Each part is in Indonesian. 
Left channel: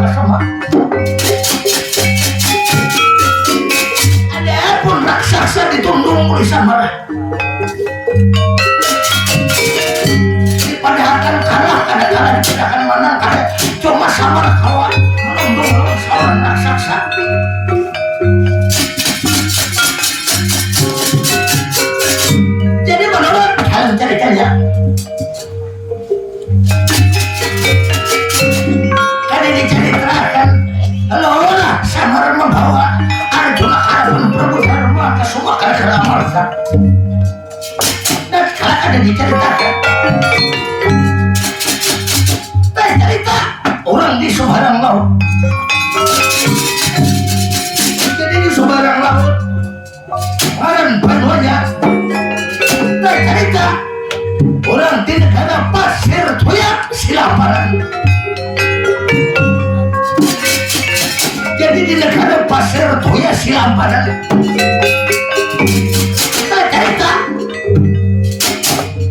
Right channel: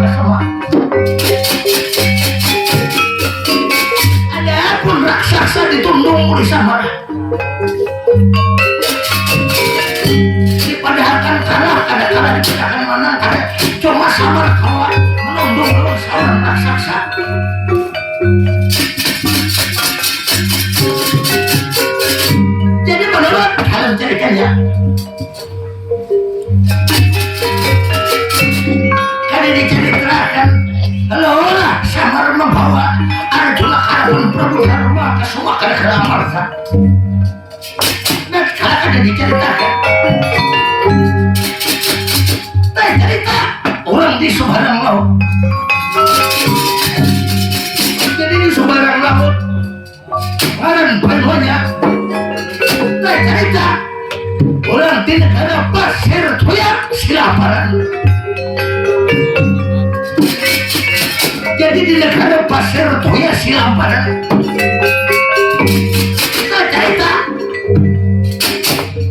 kesama. Adapun raksasa ditundung oleh Samara. Padahal kan kalah, kadang-kadang kita akan menang, kadang cuma Samara kalah menundung lawan seorang raksasa. Jadi menurut kalian ceritanya, tadi diceritakan, Lola Samara membawa Arjuna harapan Prabu Dharma ke Sumakara ke Amarta. Dan sekarang ada diceritakan, cerita orang di Sumbarang Laut. Jadi di Sumbarang Laut, orang banyak cerita orang di negara Pasir Toyak Silaparan. Jadi di negara Pasir Toyak Silaparan cerita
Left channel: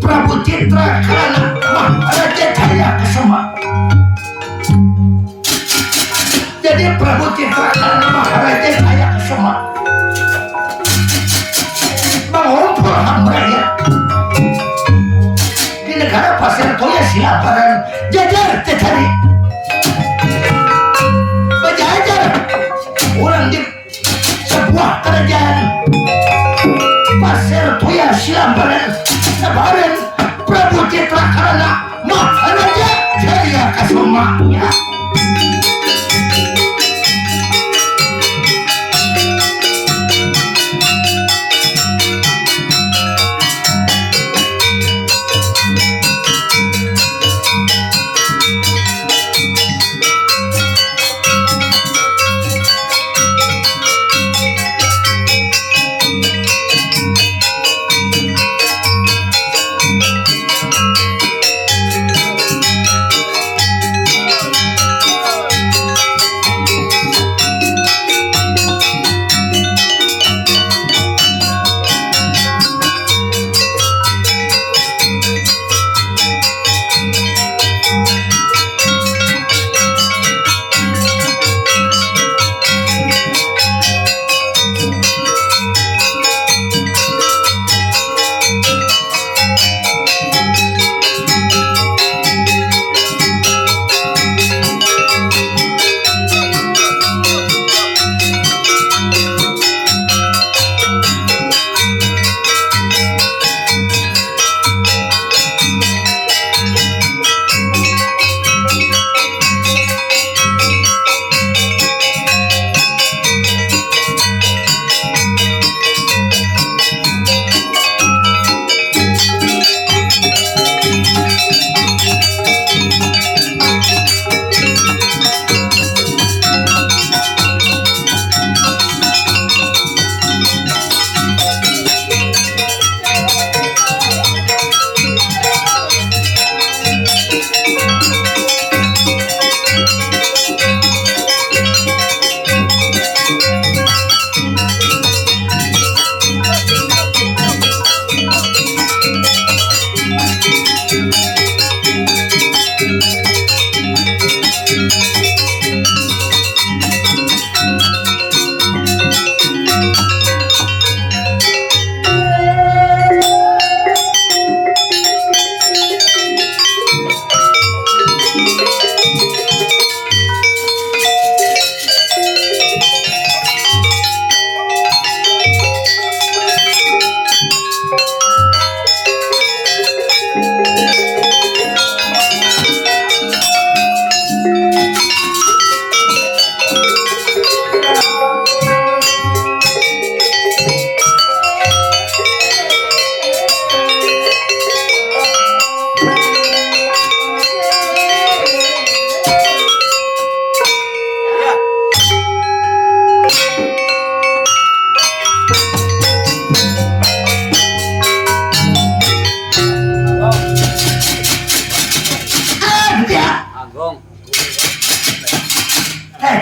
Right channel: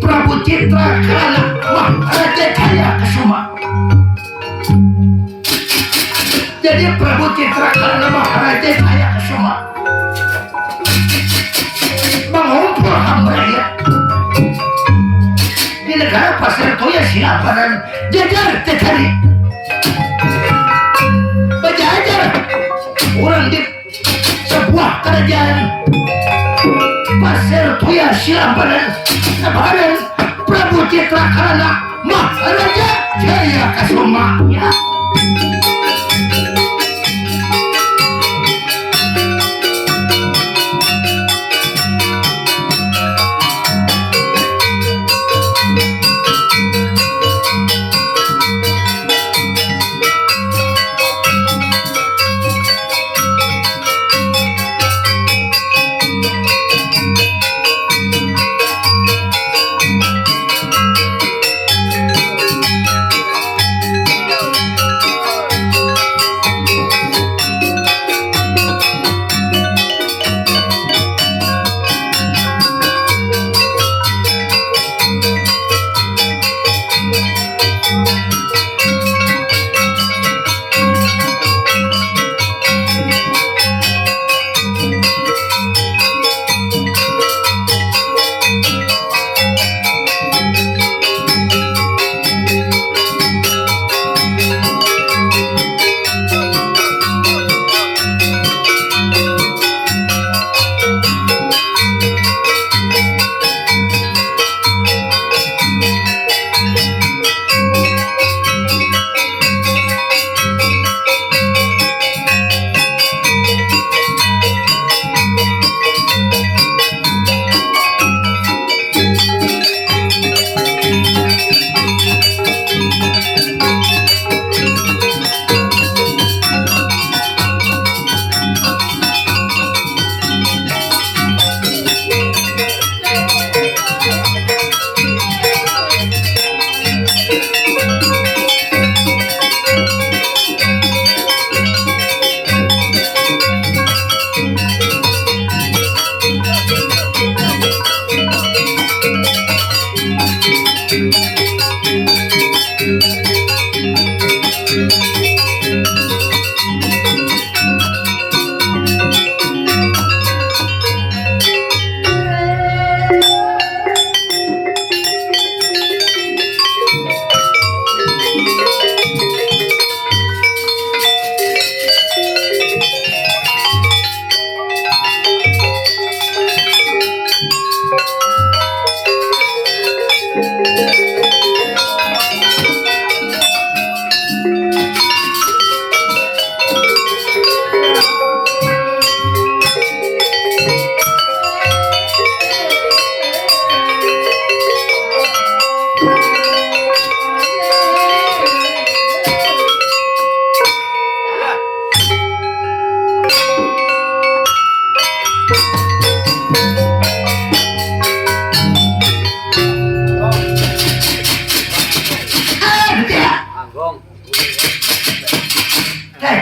Prabu Citra Karana Maharaja Jaya Kesuma. Jadi Prabu Citra Karana Maharaja Jaya Kesuma mengumpul hamraya di negara Pasir Toya Silaparan. Jajar cari berjajar orang di sebuah kerajaan Pasir Toya Silaparan. Kemarin Prabu Citra Karana Maharaja Jaya Kesuma ya.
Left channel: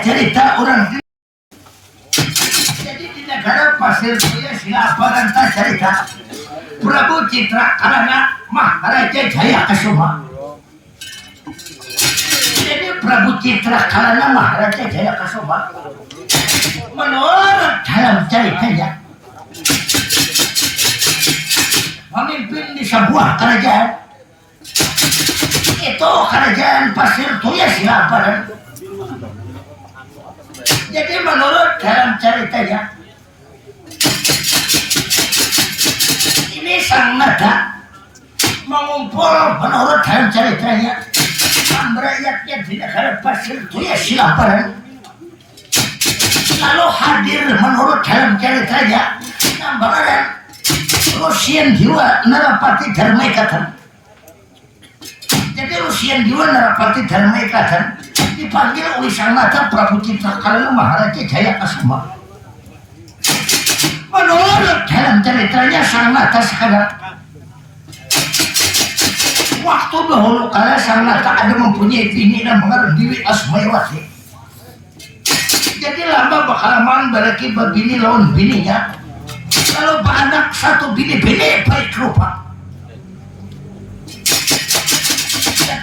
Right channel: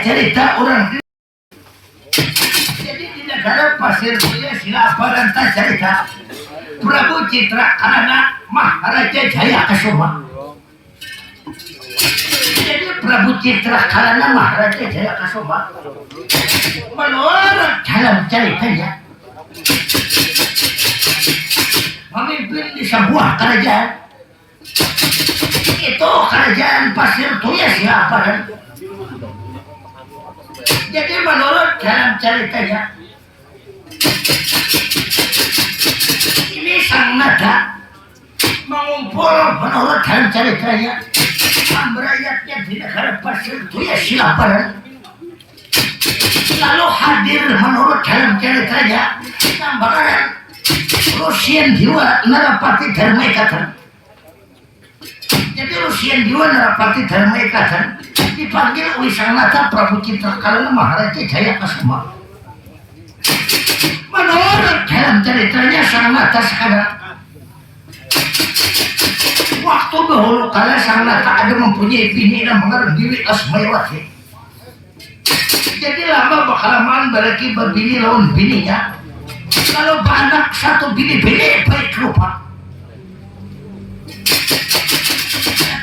cerita orang jadi di negara Pasir Jaya Silaparan cerita Prabu Citra Karana Maharaja Jaya Kesuma. Jadi Prabu Citra Kalana Maharaja Jaya Kasoma menurut dalam ceritanya memimpin di sebuah kerajaan. Itu kerajaan Pasir Tuya siapa kan? Jadi menurut dalam ceritanya ini sang nada mengumpul menurut dalam ceritanya rakyatnya di negara Pasir Tuya Silaparan, lalu hadir menurut dalam ceritanya Nambaran Rusian Diwa Narapati Dharmaikatan. Jadi Rusian Diwa Narapati Dharmaikatan dipanggil oleh sang nada Prabu Citra Kalana Maharaja Jaya Kasuma. Menurut dalam ceritanya sang nada sekarang waktu dahulu kala sang nada ada mempunyai bini namanya Dewi Asmayawati. Jadi lama berkalaman berlaki berbini lawan bininya, lalu beranak satu bini-bini baik rupa.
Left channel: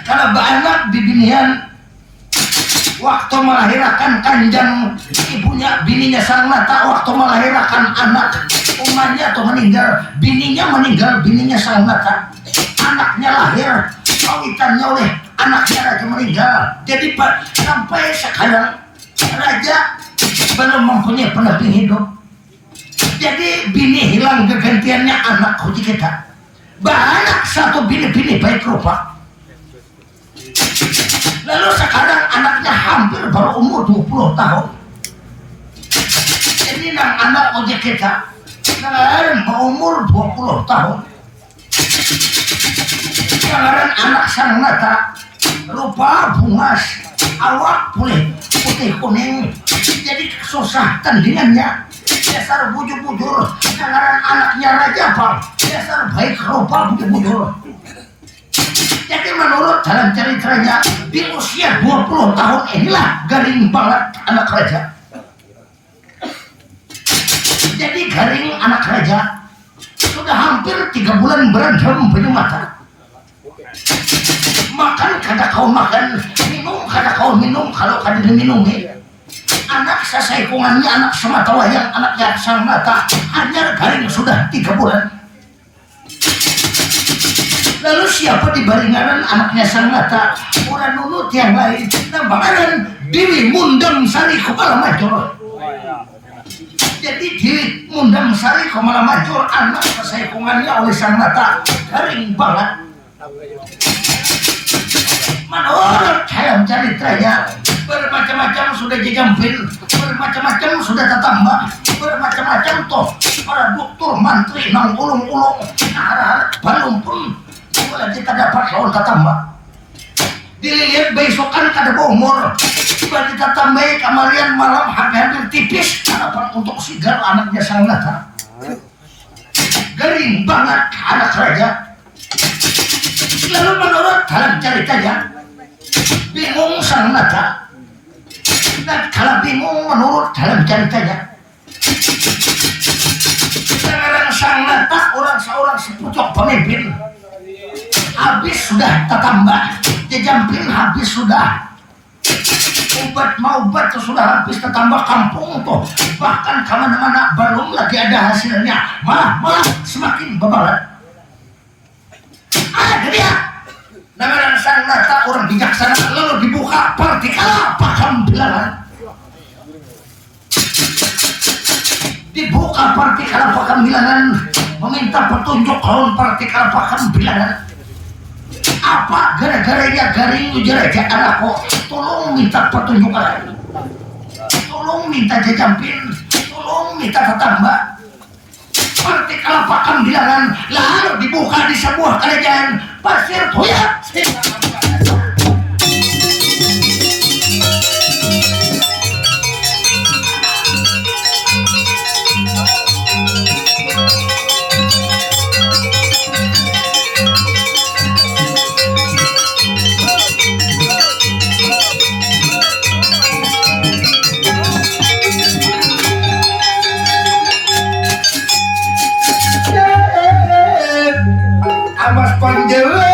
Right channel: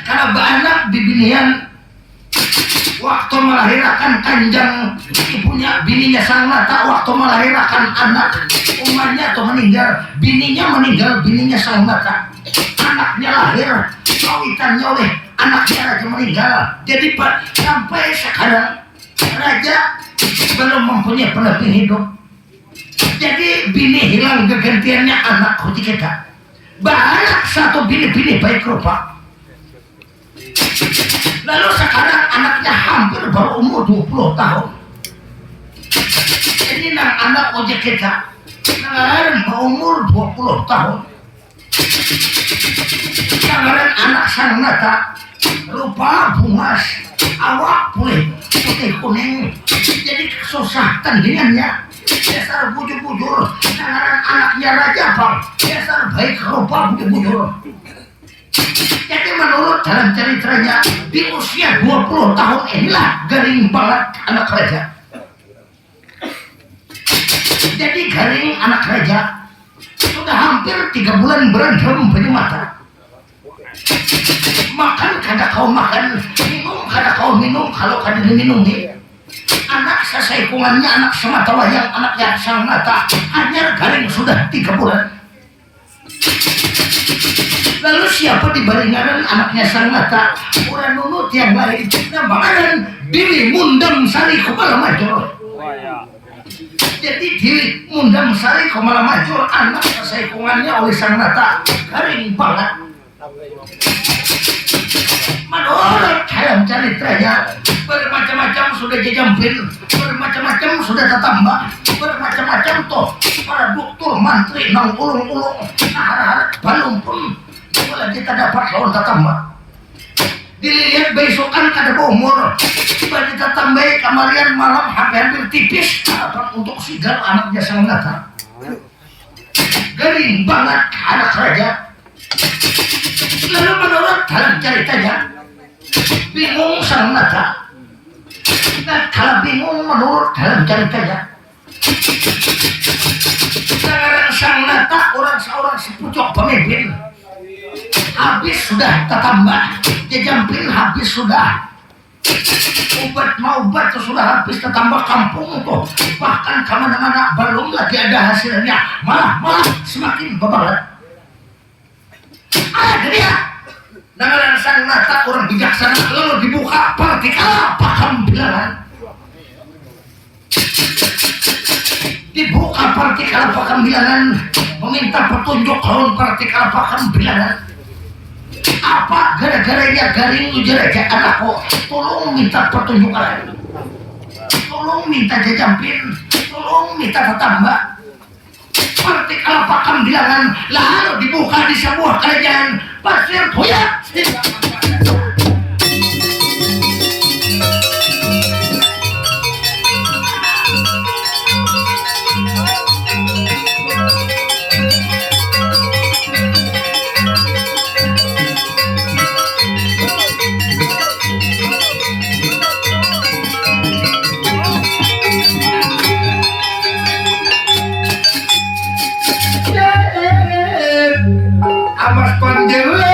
Kalau beranak di binian waktu melahirkan kanjang ibunya bininya sang nada waktu melahirkan anak umatnya atau meninggal bininya sang nada, anaknya lahir kawitannya oleh anaknya raja meninggal. Jadi sampai sekarang raja belum mempunyai pendamping hidup. Jadi bini hilang kegantiannya anak kunci kita. Banyak satu bini-bini baik rupa. Lalu sekarang anaknya hampir baru umur 20 tahun. Jadi nang anak kunci kita sekarang berumur 20 tahun. Sekarang anak sang nada rupa bungas, awak pulih putih kuning. Jadi susah tandingannya. Dasar bujur-bujur. Sekarang anaknya raja bang. Dasar baik rupa bujur-bujur. Jadi menurut dalam ceritanya di usia 20 tahun inilah garing banget anak raja. Jadi garing anak raja sudah hampir 3 bulan berendam punya mata. Makan kada kau makan, minum kada kau minum kalau kada diminumi. Anak sesaikungannya anak semata wayang, anak yang sang mata hanya garing sudah 3 bulan. Lalu siapa di baringan anaknya sang mata orang nunut yang lain namanya Dewi Mundam Sari Kumala Majur. Jadi Dewi Mundam Sari Kumala Majur anak sesaikungannya oleh sang mata garing banget. Menurut dalam ceritanya bermacam-macam sudah jajampil, bermacam-macam sudah tetambah, bermacam-macam toh para dokter mantri nang ulung-ulung harap balung pun lagi tak dapat lawan tetambah. Dilihat besokan kada umur tiba kita tambahi kamarian malam hampir tipis harapan untuk sigar anaknya sang nada. Garing banget anak raja. Lalu menurut dalam ceritanya bingung sang nada. Dan kalau bingung menurut dalam ceritanya sekarang sang nada orang seorang sepucuk pemimpin habis sudah tetambah jajampil habis sudah obat sudah habis tetambah kampung tuh bahkan kemana-mana belum lagi ada hasilnya malah semakin bebalat. Ada dia namanya sang nada orang bijaksana lalu dibuka partikal pakam bilangan. Dibuka partikal pakam bilangan meminta petunjuk lawan partikal pakam bilangan. Apa gara-garanya garing ujar aja anakku tolong minta pertunjukan, tolong minta jajampin, tolong minta tetambah partikal pakam bilangan lalu dibuka di sebuah kerajaan Pasir Tuya. Amas pandewe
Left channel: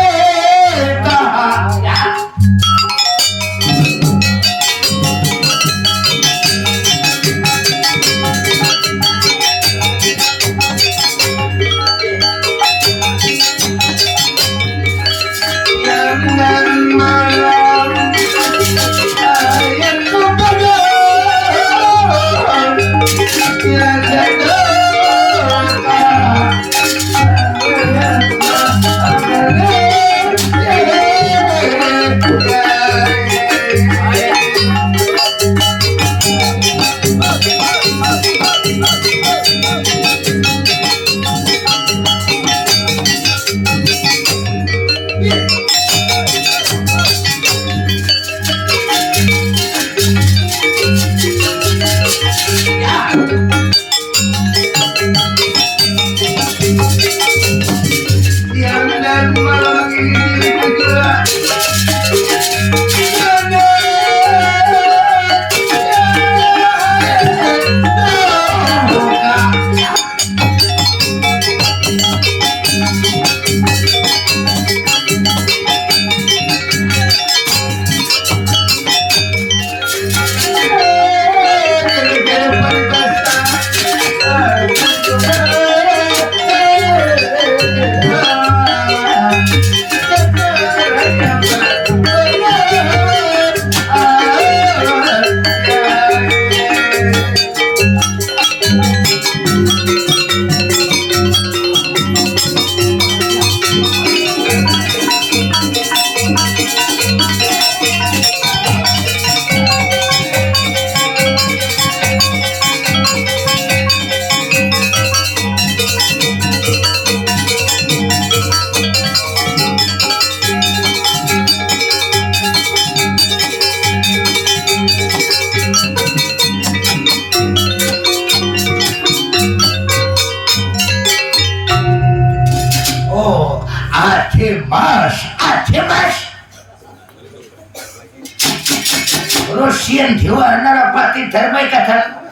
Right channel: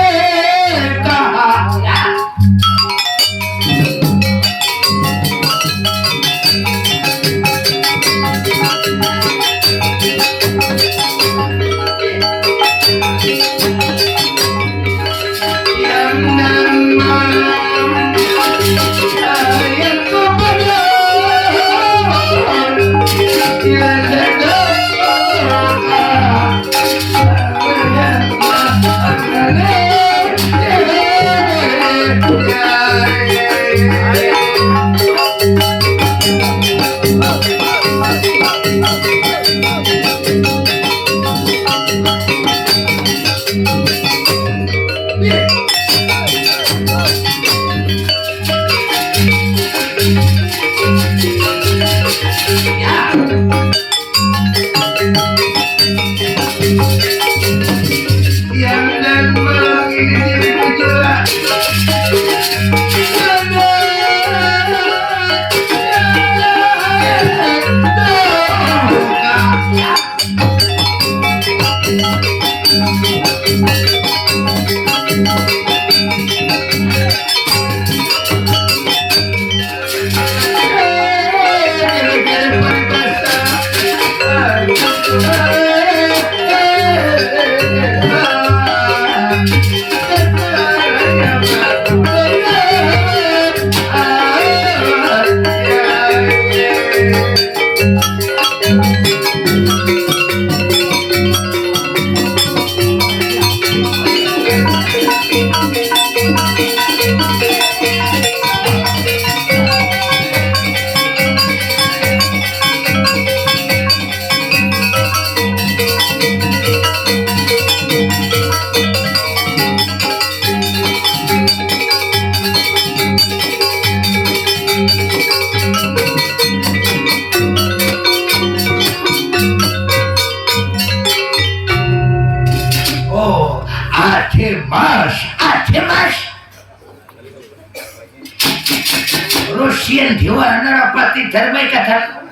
Rusian Dewa Narapati Dharma kata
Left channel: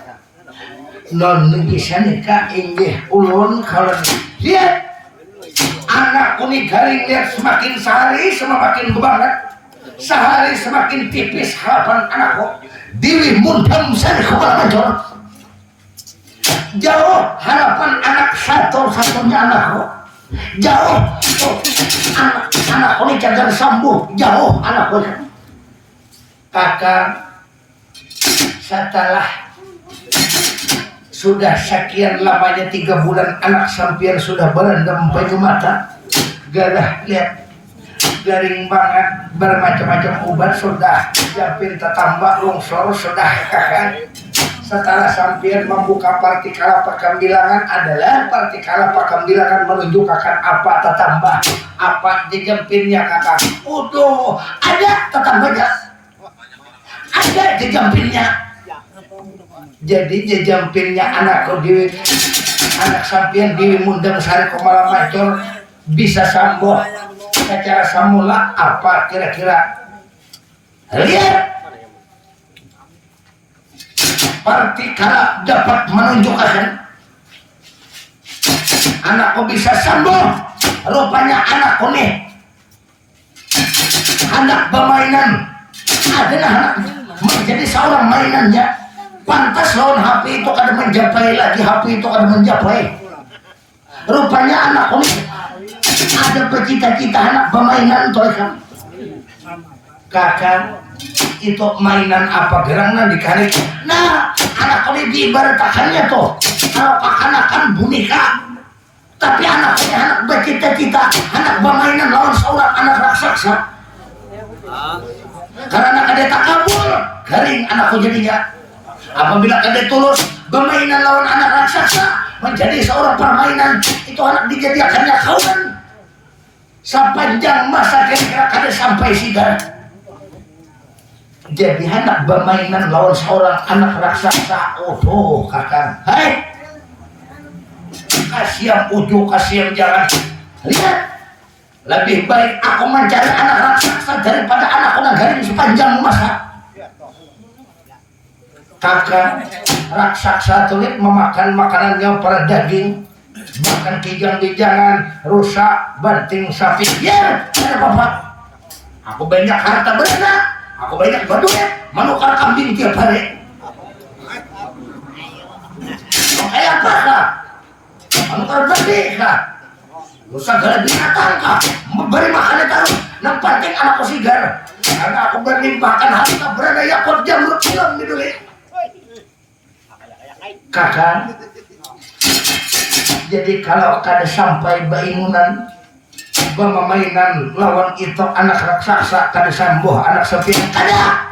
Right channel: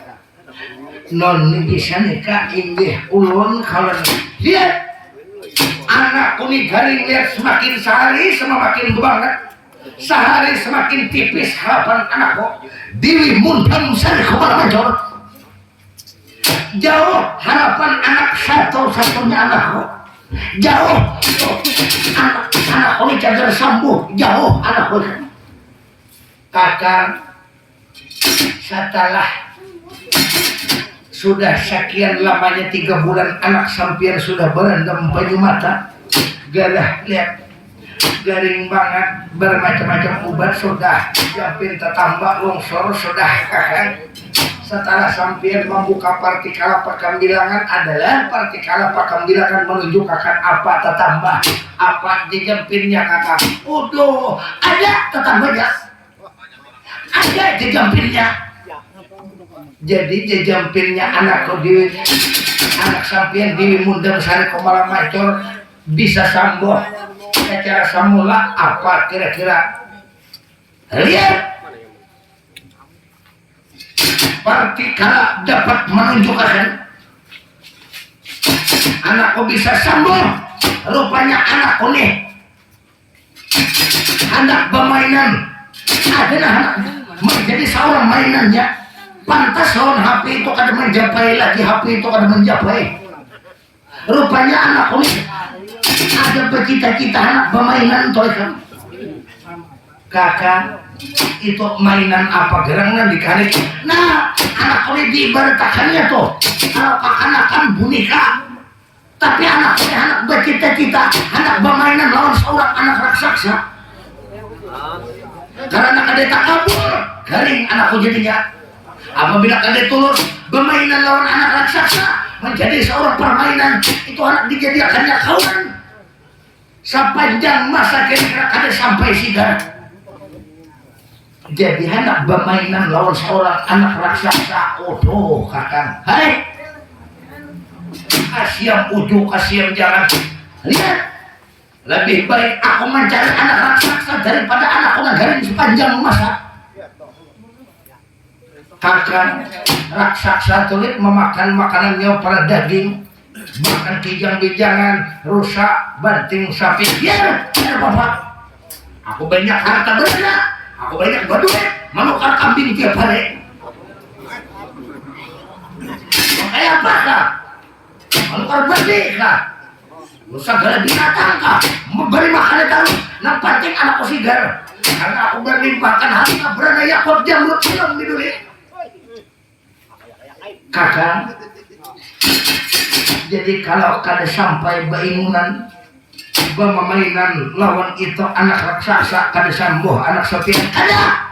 non bisa nikah inggih ulun kalau lihat anak kuni garing lihat semakin sehari semakin banget sehari semakin tipis harapan anakku diri mundam sari kepala major jauh harapan anak satu-satunya anakku jauh anak kuni cagar sambuh jauh anakku kakak setelah sudah sekian lamanya 3 bulan anak sampian sudah berendam baju mata garah lihat garing banget bermacam-macam obat sudah jampin tetambak longsor sudah kakak setelah sampian membuka partikala pakambilangan adalah partikala pakambilangan menunjukkan apa tetambah apa jampinnya kakak udah ada tetambahnya ada jampinnya jadi jampinnya anakku dewi anak sampian dewi mundang sari kemala macor bisa sambuh secara samula apa kira-kira lihat partikala dapat menunjukkan anakku bisa sambuh rupanya anakku nih anak permainan adalah anak menjadi seorang mainannya pantas lawan HP itu kada menjapai lagi HP itu kada menjapai rupanya anak ini ada bercita-cita anak permainan toh kan kakak itu mainan apa gerangan dikarik nah anak ini diibaratkannya tuh kalau anak-anak boneka tapi anak ini anak bercita-cita anak permainan lawan seorang anak raksasa karena anak ada tak kabur garing anakku jadinya apabila ada tulus bermainan lawan anak raksasa menjadi seorang permainan itu anak dijadikannya kawan sepanjang masa kira-kira kada sampai sigar jadi anak bermainan lawan seorang anak raksasa udah kakak hai kasihan ujuk kasihan jangan lihat lebih baik aku mencari anak raksasa daripada anak orang garing sepanjang masa kakak raksasa tulis memakan makanannya para daging makan kijang-kijangan rusak banting sapi biar ada bapak aku banyak harta benda aku banyak berduit menukar kambing tiap hari kayak apa kak menukar babi kak rusak gala binatang kak memberi makannya taruh yang penting anakku sigar karena aku berlimpahkan harta berdaya kot jamrut film di dunia kakak jadi kalau kada sampai bainunan bermainan lawan itu anak raksasa kada sambuh anak sepi kada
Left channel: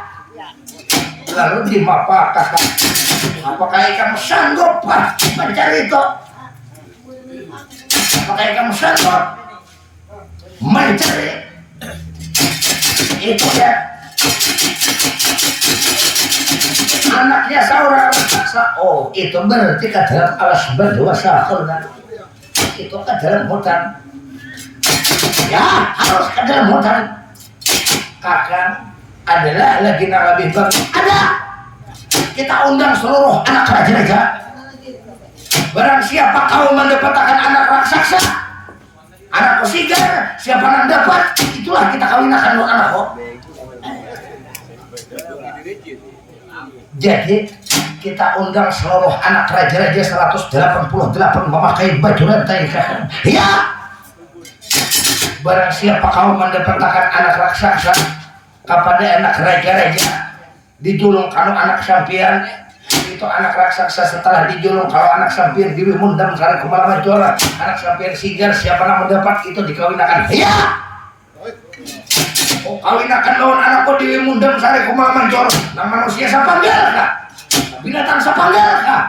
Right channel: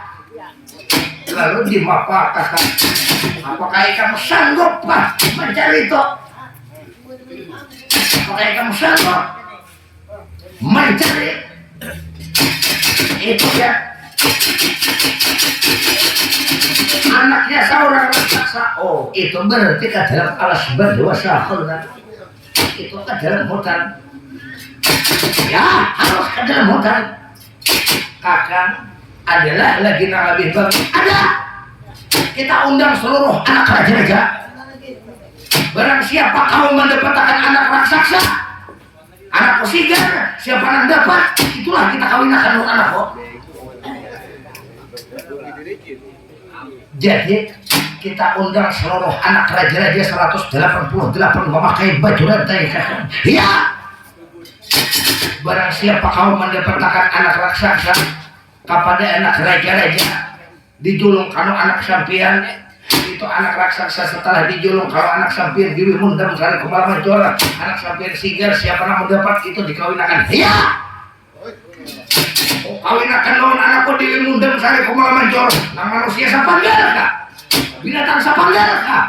Lalu di mapa kakak, apakah kamu sanggup Pak mencari itu? Apakah kamu sanggup mencari itu ya? Anaknya seorang raksasa. Oh, itu berarti ke dalam alas berdua sahur kan? Itu ke dalam hutan. Ya, harus ke dalam hutan. Kakak adalah lagi lebih bagus. Ada. Kita undang seluruh anak raja-raja. Barang siapa kau mendapatkan anak raksasa, anak sigar, siapa yang dapat, itulah kita kawinkan anakku. Jadi kita undang seluruh anak raja-raja 188 memakai baju rantai kakak. Ya. Barang siapa kau mendapatkan anak raksasa kepada anak raja-raja, dijulung kalau anak sampian, itu anak raksasa setelah dijulung kalau anak sampian diwi mundam saling kemalaman juara, anak sampian sigar siapa yang mendapat itu dikawinkan. Ya. Oh, kawinakan lawan anakku diwi mundam saling kemalaman juara. Nah, manusia sapanggar kah? Binatang sapanggar kah?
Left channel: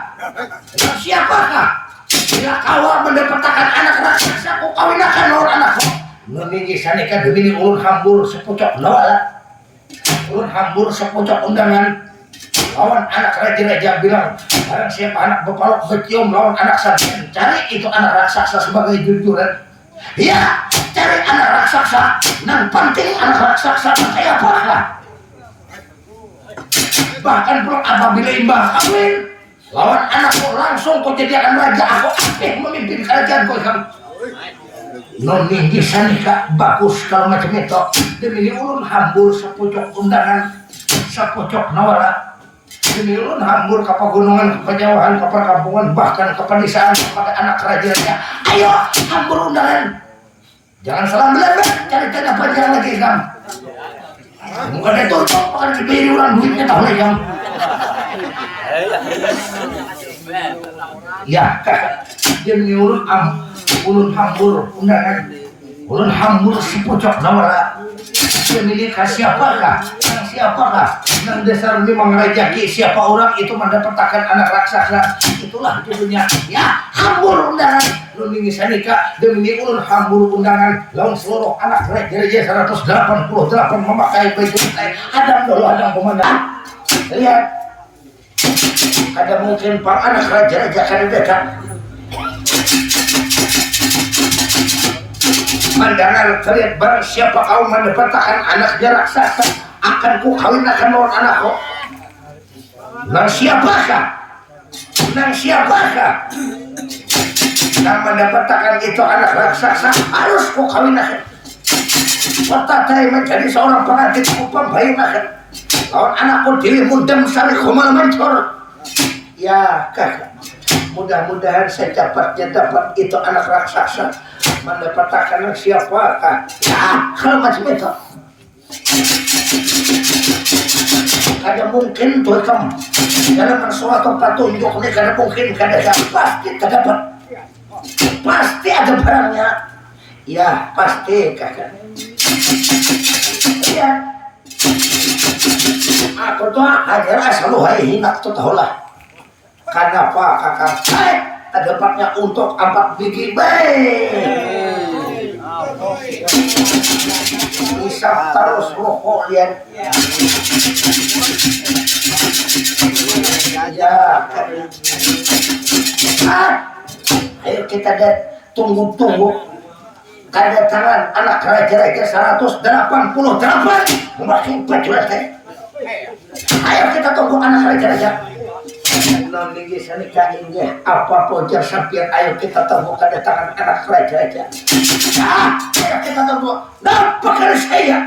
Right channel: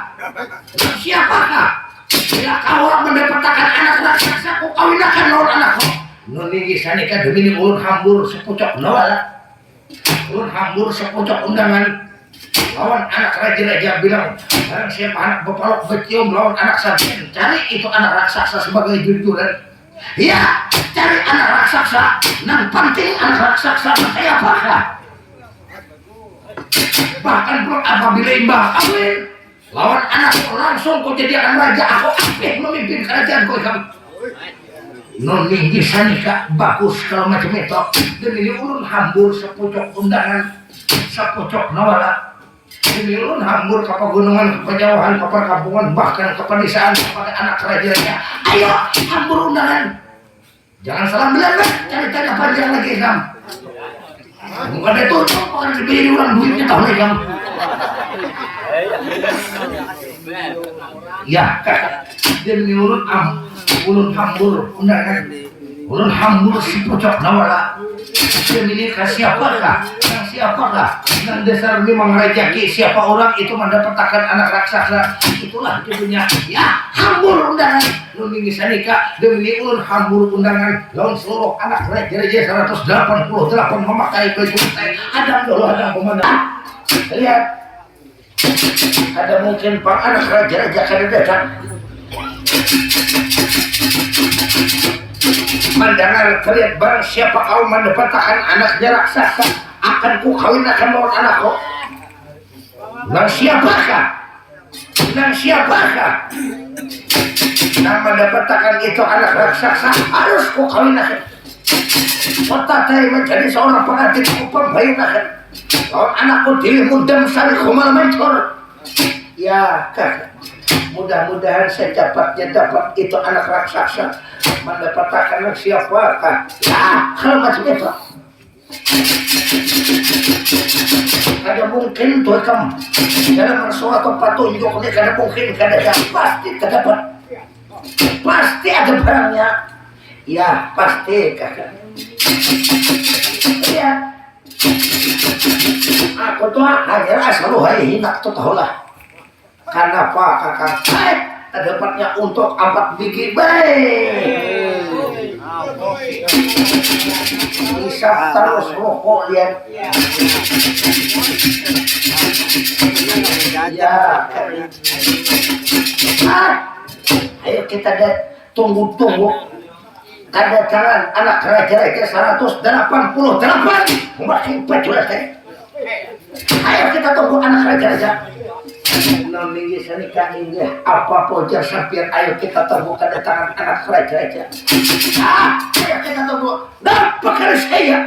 Siapakah? Bila kau mendapatkan anak raksasa, kau kawinakan lawan anakku. Nuninggi sanika demi ulun hambur sepucuk nawala. Ulun hambur sepucuk undangan lawan anak raja-raja bilang, barang siapa anak bepalok becium lawan anak sampean, cari itu anak raksasa sebagai jujuran. Ya, cari anak raksasa. Nang penting anak raksasa kayak apa? Bahkan belum apabila imbah kawin lawan anakku langsung kau jadikan raja, aku akeh memimpin kerajaan kau kamu. Noninggi sanika bagus kalau macam itu. Demi ulun hambur sepucuk undangan, sepucuk nawala. Demi ulun hambur ke pegunungan, ke penjauhan, ke perkampungan, bahkan ke pedesaan kepada anak kerajaan. Ayo hambur undangan. Jangan salah belakang, cari tanya panjang lagi kamu. Enggak ada tutup, akan diberi orang duitnya tahu lagi kamu. Ya, demi ulun hambur undangan, ulun hambur sepucuk nawala. Dia milik siapakah? Siapakah? Nah, dasar memang rejeki siapa orang itu mendapatkan anak raksasa, itulah judulnya. Ya, hambur undangan. Nuninggi sanika demi ulun hambur undangan lawan seluruh anak raja-raja 188 memakai baju rantai. Adam dulu adam pemandangan. Lihat. Ada mungkin pak anak raja-raja akan datang. Mandangan terlihat barang siapa kau mendapatkan anaknya raksasa, akan ku kawinkan lawan anakku. Nang siapakah? Nang siapakah? Nang mendapatkan itu anak raksasa, harus ku kawinkan. Petatai menjadi seorang pengantin upam bayunakan lawan anakku diri mundam sari kumal mancor. Ya kakak, mudah-mudahan secepatnya dapat itu anak raksasa, mendapatkan siapakah? Ya kalau macam itu ada mungkin tuh kamu dalam suatu petunjuk ini, kada mungkin kada pasti terdapat, pasti ada barangnya. Ya pasti kakak. Ya aku tuh hanya selalu hari hinak tuh tahulah. Kenapa kakak? Dapatnya untuk 4 biji baik. Isap terus rokok lihat. Ya. Ayo kita tunggu-tunggu kedatangan anak raja-raja 188 memakai baju rantai. Ayo kita tunggu anak raja-raja. Noninggi sanika inggih apa pojar sampian, ayo kita tunggu kedatangan anak raja-raja. Ayo kita tunggu. Pakar saya.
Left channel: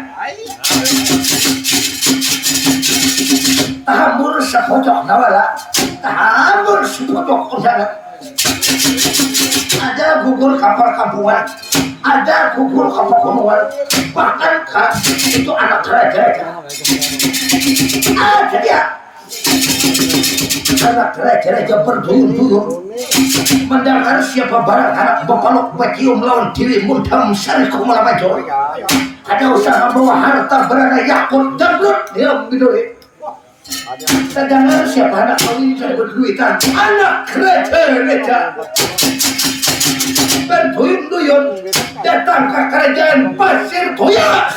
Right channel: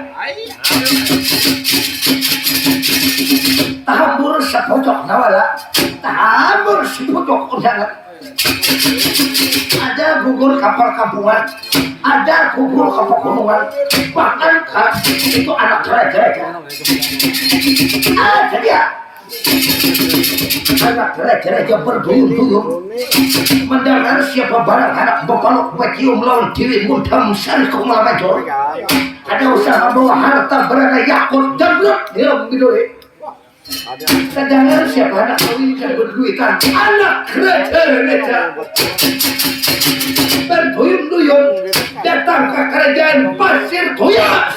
Tahambur sepojok nawala, tahambur sepojok undangan. Ada gugur kapal kampungan, ada gugur kapal gunungan, bahkan itu anak raja-raja. Ada dia. Anak raja-raja berduyun-duyun mendengar siapa barang anak bepalok bacium lawan diri mundam sari kumala major. Ada usaha bawa harta berada yakut dan lut dia biduri. Sedangkan siapa anak kawin dan berduitan anak gereja berduyun-duyun datang ke kerajaan Pasir Toya.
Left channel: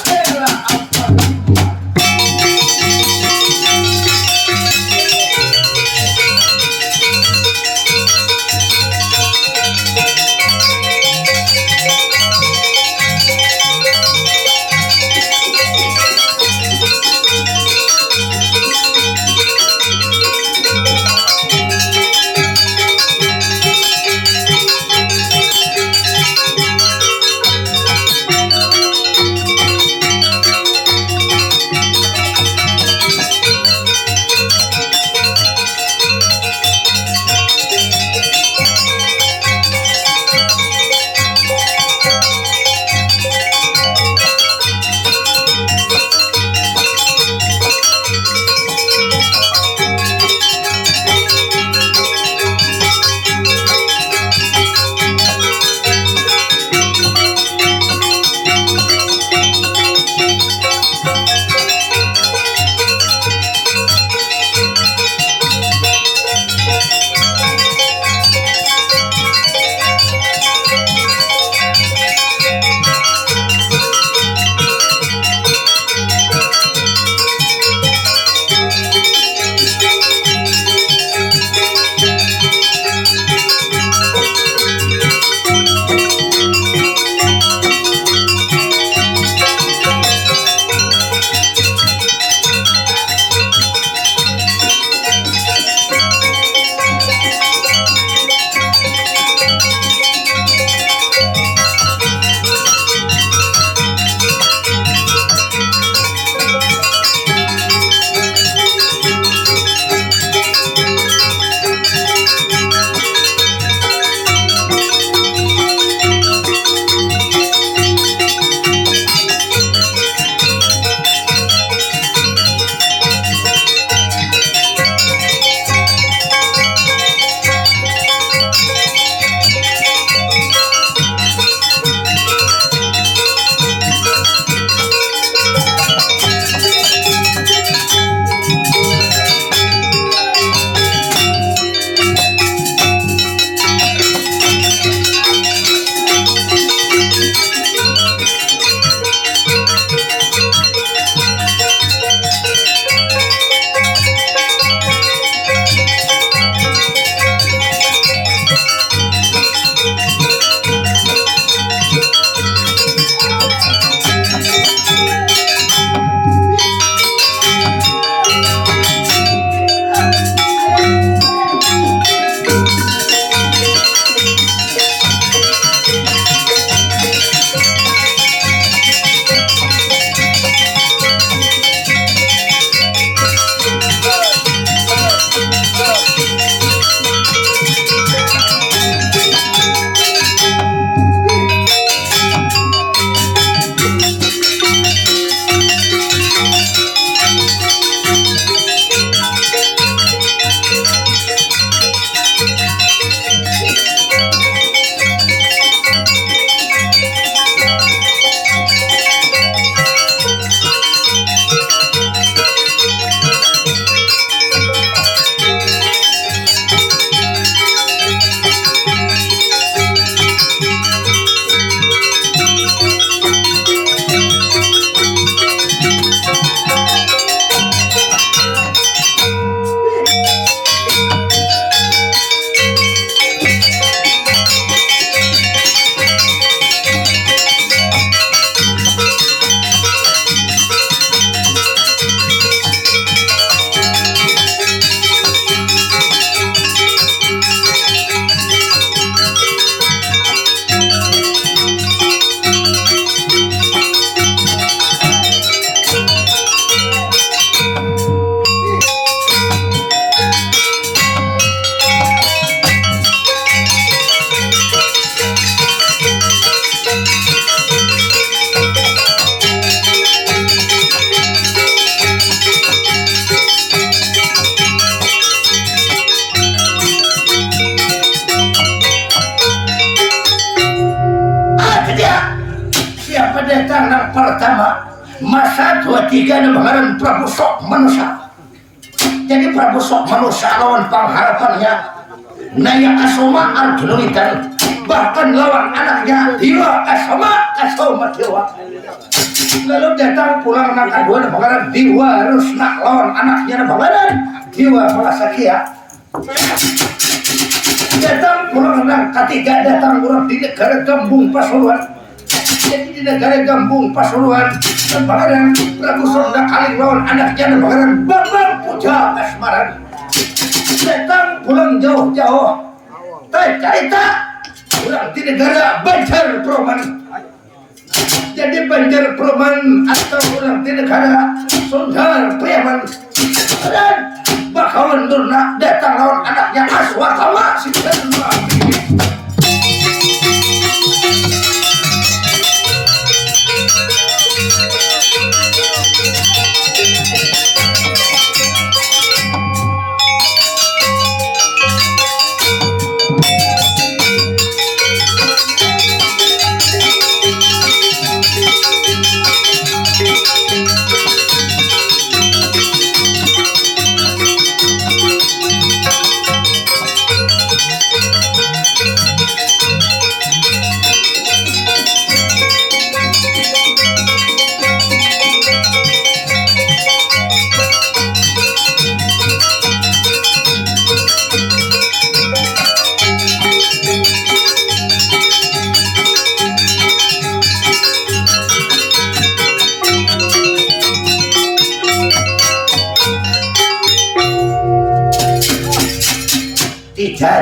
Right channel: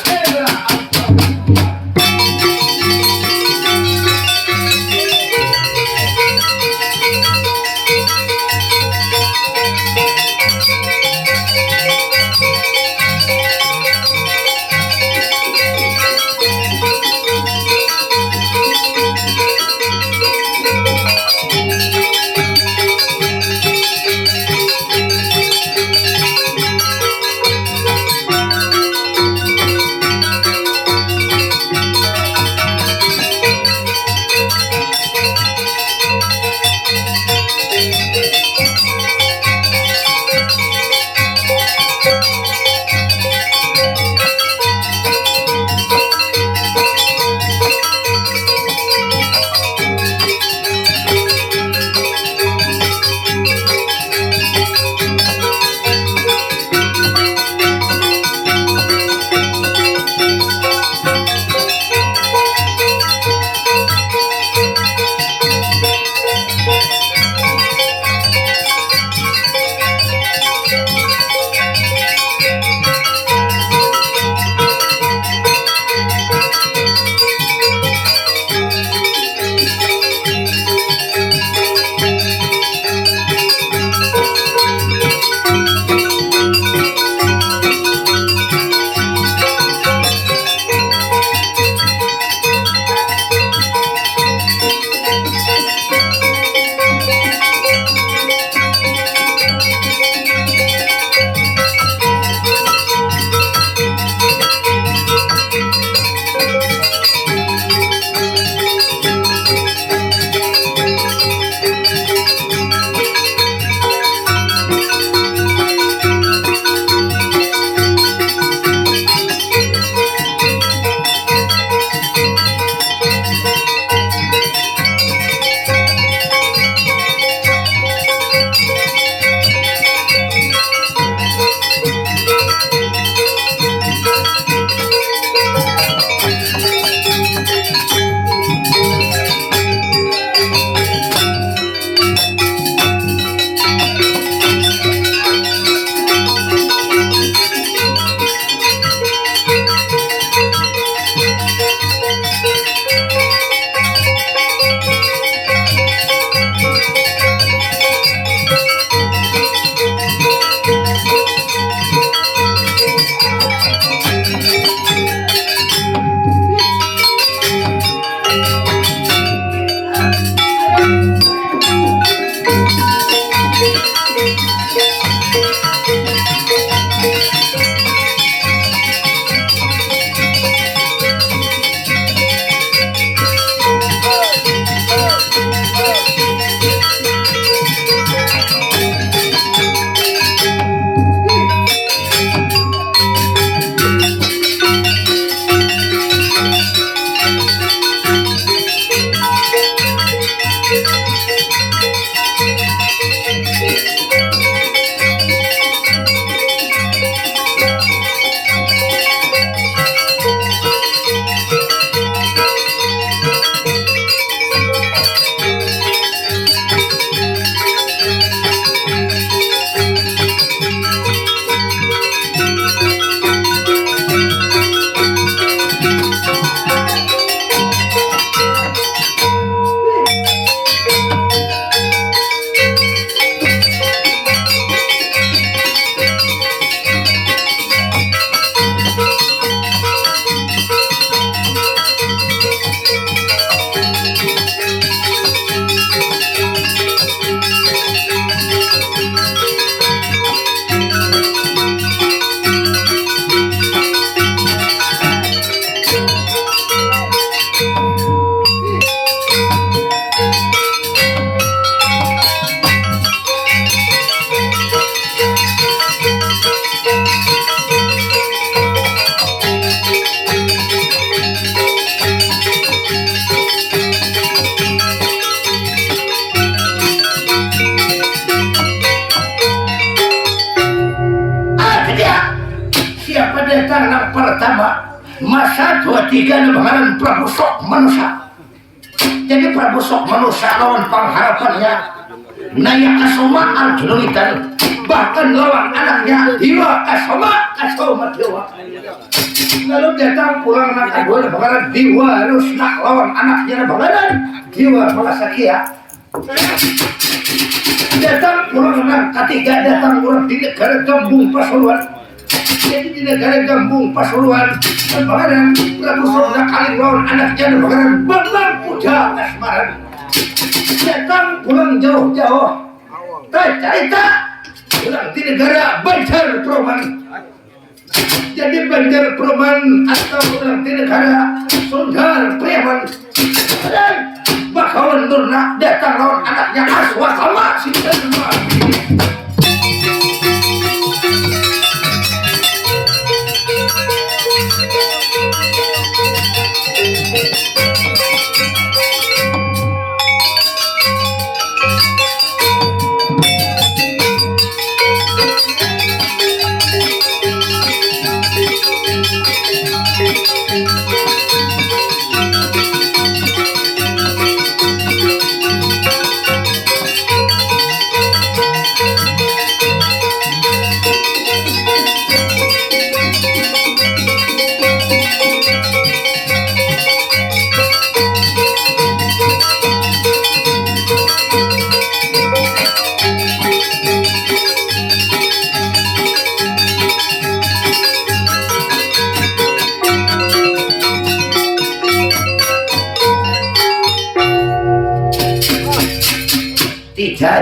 pertama masa 23 lebaran Prabu sok manusia Jadi Prabu sok manusia lawan pengharapannya Naya Asoma Arjuna bahkan lawan anaknya Dewa Asoma Dewa. Lalu datang pulang anak kedua bagaimana Dewa harus nak lawan anaknya bagaimana Dewa Malasakia. Datang pulang anak ketiga datang pulang di negara Gambung Pasuruan. Jadi di negara Gambung Pasuruan bagaimana Prabu Sonda kali lawan anaknya bagaimana Bambang Puja Asmaran. Datang pulang jauh-jauh cerita pulang di negara Banjar Proman. Jadi Banjar Proman atau pulang di negara Sundar Preman. Dan Bakawan Durna datang lawan anaknya Aswakama Sintenma.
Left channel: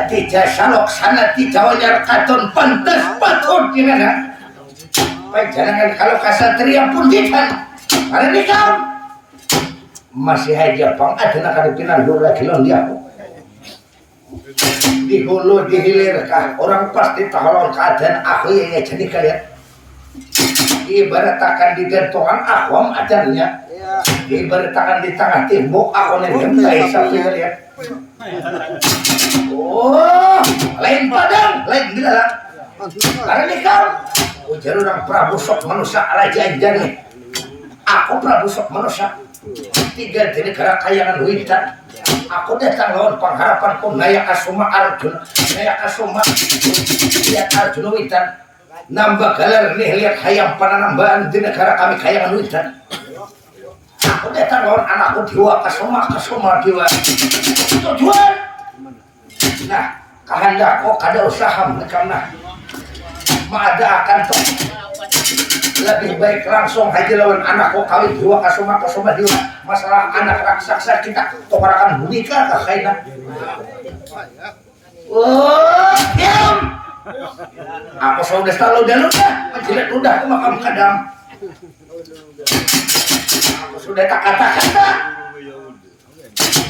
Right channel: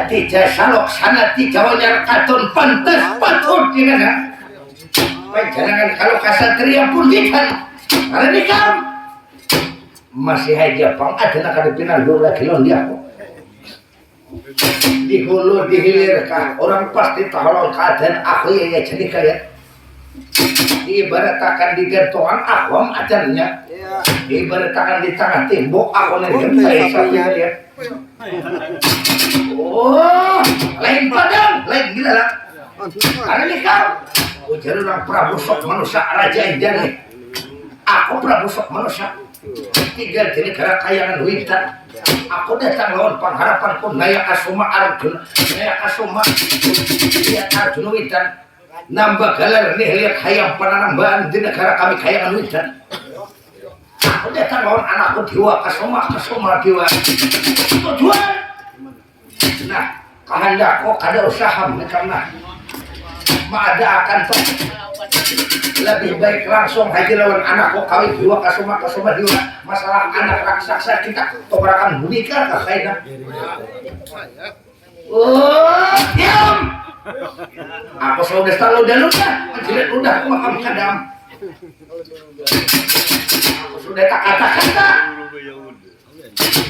Tidak salok sana di Jawanya katon pantas patut gimana? Jangan kalau kasatria pun kita karena ini kaum masih aja pang ada nak ada pinan dulu lagi lon dia di hulu di hilir kah orang pasti tahu keadaan aku ya jadi kalian ibaratkan di gantungan akwam acaranya ibaratkan di tengah tembok aku nih gemtai sampai kalian. Oh, lain padang, lain gila lah. Karena ini kau, ujar orang Prabu sok manusia raja jadi. Aku Prabu sok manusia. Tinggal di negara kayangan Wintan. Aku datang lawan pengharapanku Naya Asoma Arjuna, Naya Asoma lihat Arjuna Wintan. Nambah galer nih lihat hayam pananambahan di negara kami kayangan Wintan. Aku datang lawan anakku Dewa Kasoma Dewa. Tujuan. Nah, kehendakku kada usaha karena mengadakan lebih baik langsung haji lawan anakku kawin Dewa Kasoma Dewa. Masalah anak raksasa kita tokarakan bunika ke kaina. Oh, diam. Aku sudah selalu dah menjilat udah makam kadam. Aku sudah tak kata-kata.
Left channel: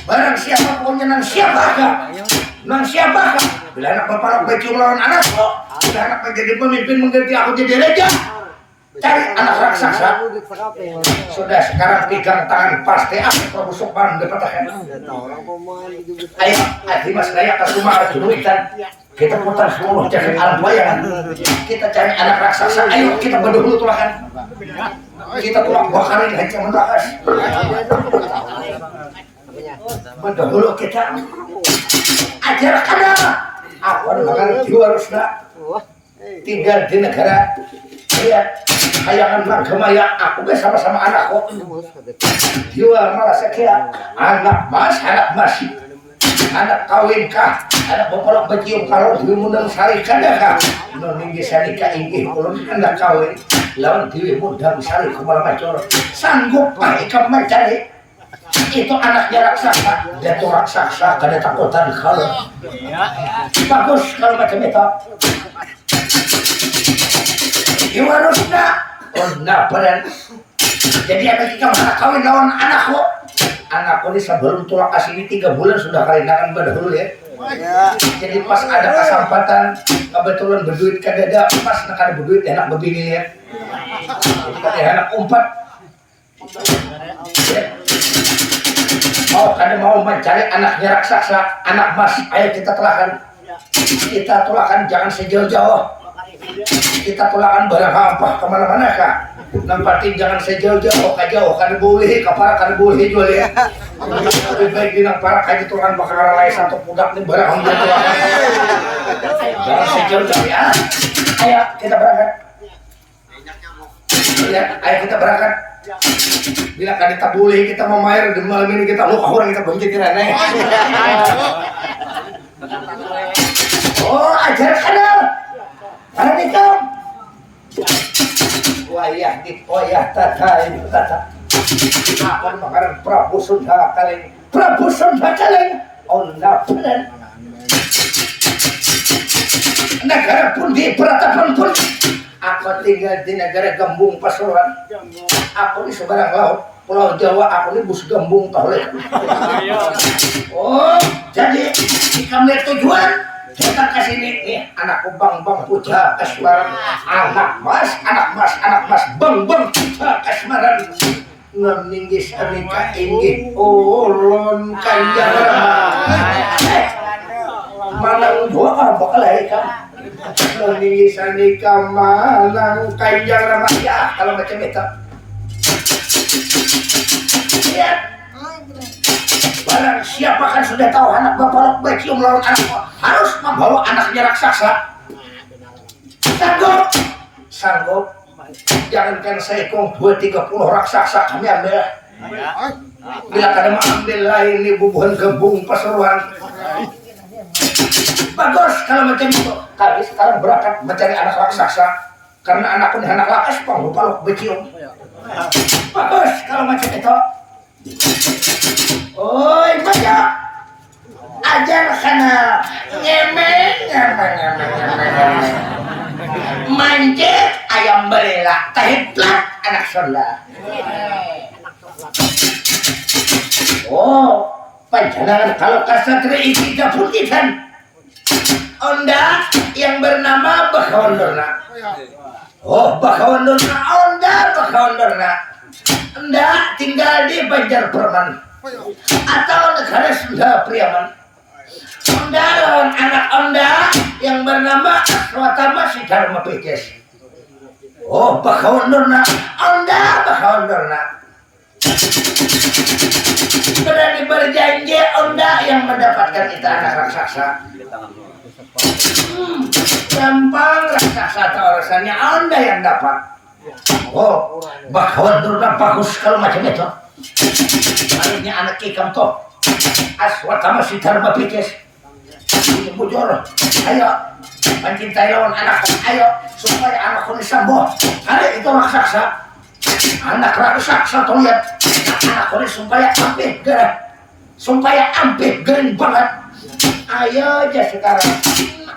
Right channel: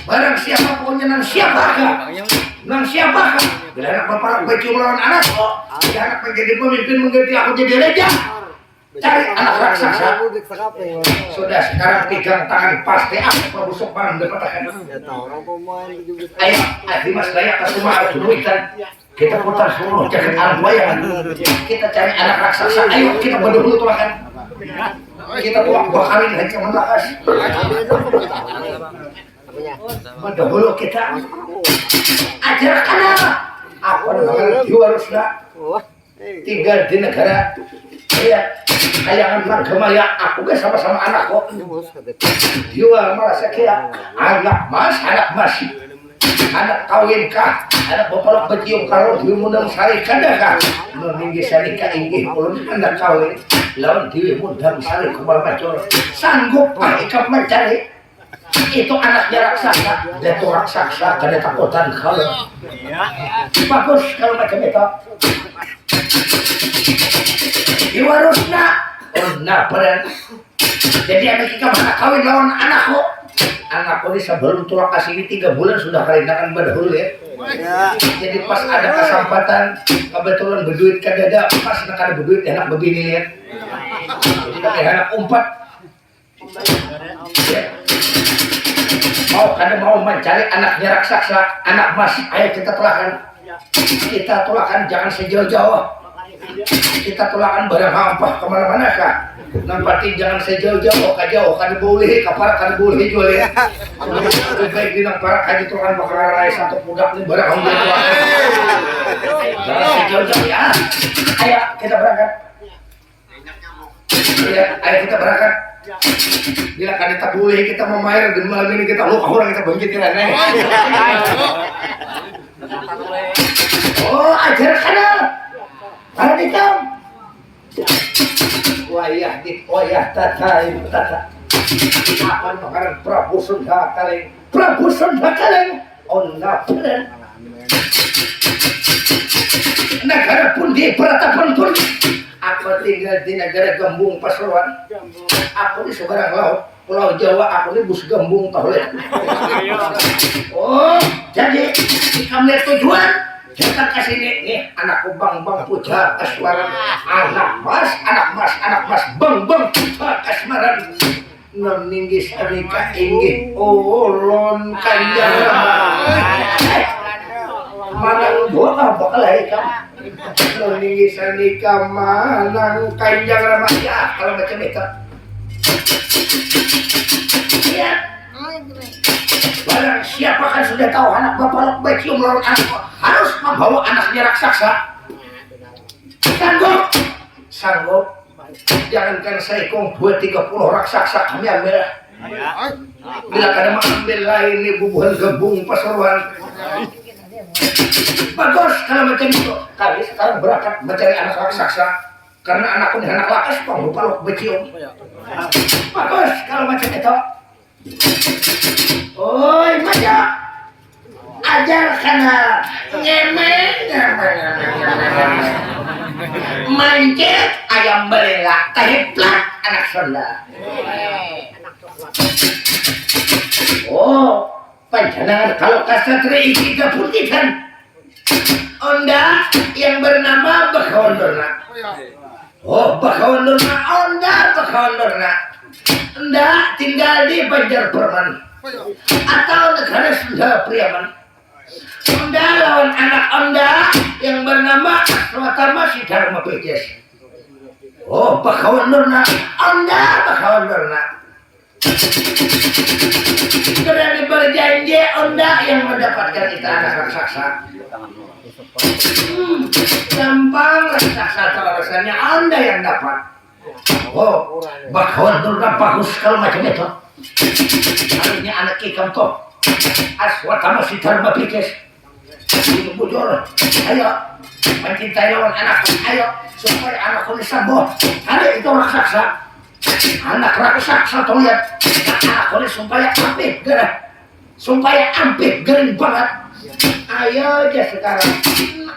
Barang siapa pokoknya nang siapakah? Nang siapakah? Bila anak bapak baju melawan anakku, bila anak menjadi pemimpin mengganti aku jadi raja. Cari anak raksasa. Sudah sekarang pegang tangan pasti aku Prabu Sokman dipatahkan. Ayo, Dimas Naya Kasoma Arjuna Wintan. Kita putar seluruh jagat alam bayangan. Kita cari anak raksasa. Ayo kita berdua tulakan. Kita tulak bakarin haji menlakas. Mendahulu kita ajarkan apa namanya Dewa Rusna tinggal di negara lihat kayangan Margamaya aku bersama-sama anakku Dewa Malasakia anak mas anak kawin kah anak bapalok becium kalau Dewi Mundang Sari kadakah meninggi sanika inggih ulun anak kawin lawan Dewi Mundang Sari kumal macor sanggup pak ikam mencari itu anaknya raksasa jatuh raksasa kada takutan kalau bagus kalau macam itu Dewa Rusna oh nah beran jadi anak kita mana kawin lawan anakku ini sebelum tulak asini 3 bulan sudah karinakan berdahulu ya jadi pas ada kesempatan kebetulan berduit kadada pas nak ada berduit enak begini lihat jadi pakai anak umpat mau mencari anaknya raksasa anak mas ayo kita tulakan jangan sejauh-jauh kita tulakan barang hampah kemana-mana kah nampatin jangan sejauh-jauh kan boleh kapara kan boleh jual ya lebih baik bilang para kaji tuhan bakal lain satu budak nih barang hongga tuhan jangan sejauh-jauh ya ayo kita berangkat ya ayo kita berangkat bila kan kita boleh kita memair di malam ini kita luka orang kita bangkitin aneh oh ajar kana para dikam wayah tata akan makanan Prabu Sunda Kaleng onda bener negara pun di peratapan pun aku tinggal di negara Gembung Pasuruan aku di seberang laut Pulau Jawa aku di bus Gembung Tohlet oh jadi kamu lihat tujuan datang ke sini nih anakku bang puja kasmaran anak mas bang puja kasmaran ngeninggis anika inggih ulun kanjeng manang doa bakal kamu ngeninggis anika manang kanjeng Rama ya kalau macam itu lihat barang siapa kan sudah tahu anak bapak beci melawan anak harus membawa anaknya raksasa sanggup jangankan saya kong 2-30 raksasa kami ambil bila kada mengambil lain ini bubuhan Gembung Pasuruan bagus kalau macam itu kami sekarang berangkat mencari anak raksasa karena anakku ini anak lakas pang lupa beci bagus kalau macam itu oi baca ajar kana ngemeng mancet ayam belela tehiplak anak Sunda oh panjangan kalau kasatria ikida putihan onda yang bernama Bakawandorna oh Bakawandorna onda Bakawandorna onda tinggal di Banjar Perman atau negara Sunda Priaman onda lawan anak onda yang bernama Aswatama Siddharma Pejes oh Bakawandorna onda Bakawandorna berani berjanji onda yang mendapatkan itu anak raksasa gampang raksasa atau rasanya onda yang dapat oh Bakawandorna bagus kalau macam itu harusnya anak ikam toh Aswatama Siddharma Pejes ini bujur ayo mencintai lawan anak ayo supaya anakku disambo hari itu raksasa anak raksasa tuh lihat anakku ini supaya ampih gering banget ayo aja sekarang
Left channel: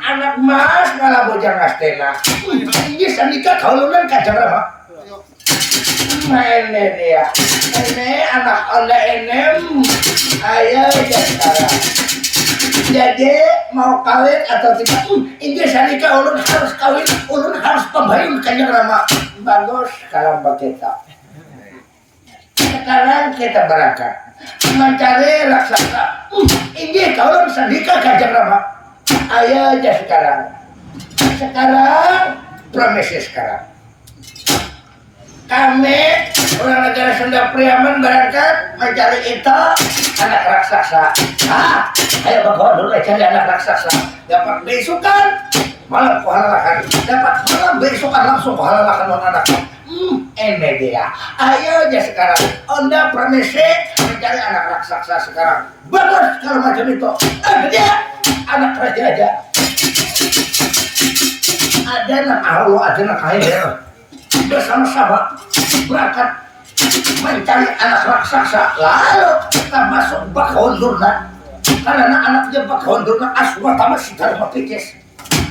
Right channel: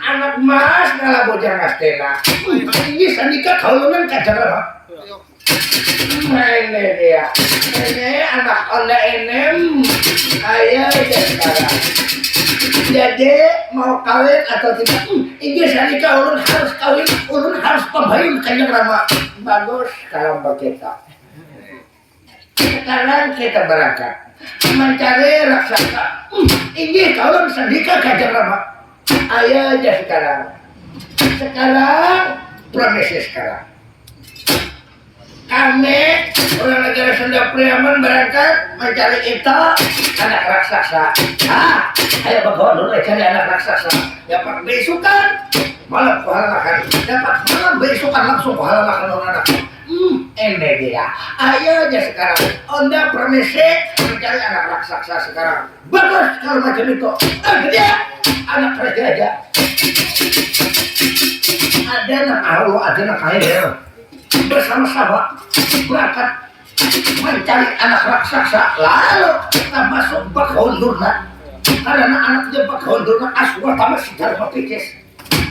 anak mas ngalah bojang astena ini sandika kaulunan kajang Rama ini dia ini anak onda enem ayo aja sekarang jadi mau kawin atau tidak ini sandika ulun harus kawin ulun harus pembayun kajang Rama bagus kalau begitu sekarang kita berangkat mencari raksasa ini kalau sandika kajang Rama ayo aja sekarang promesi sekarang kami orang negara Sunda Priaman berangkat mencari itu anak raksasa ayo bawa dulu cari anak raksasa dapat besukan malam kuhalalakan dapat malam besukan langsung kuhalalakan orang anak ini dia ayo aja sekarang onda promesi mencari anak raksasa sekarang bagus kalau macam itu dia anak raja ada anak kaya bersama-sama berangkat mencari anak raksasa lalu kita masuk Bakawandorna karena anaknya Bakawandorna Aswatama Siddharma Pejes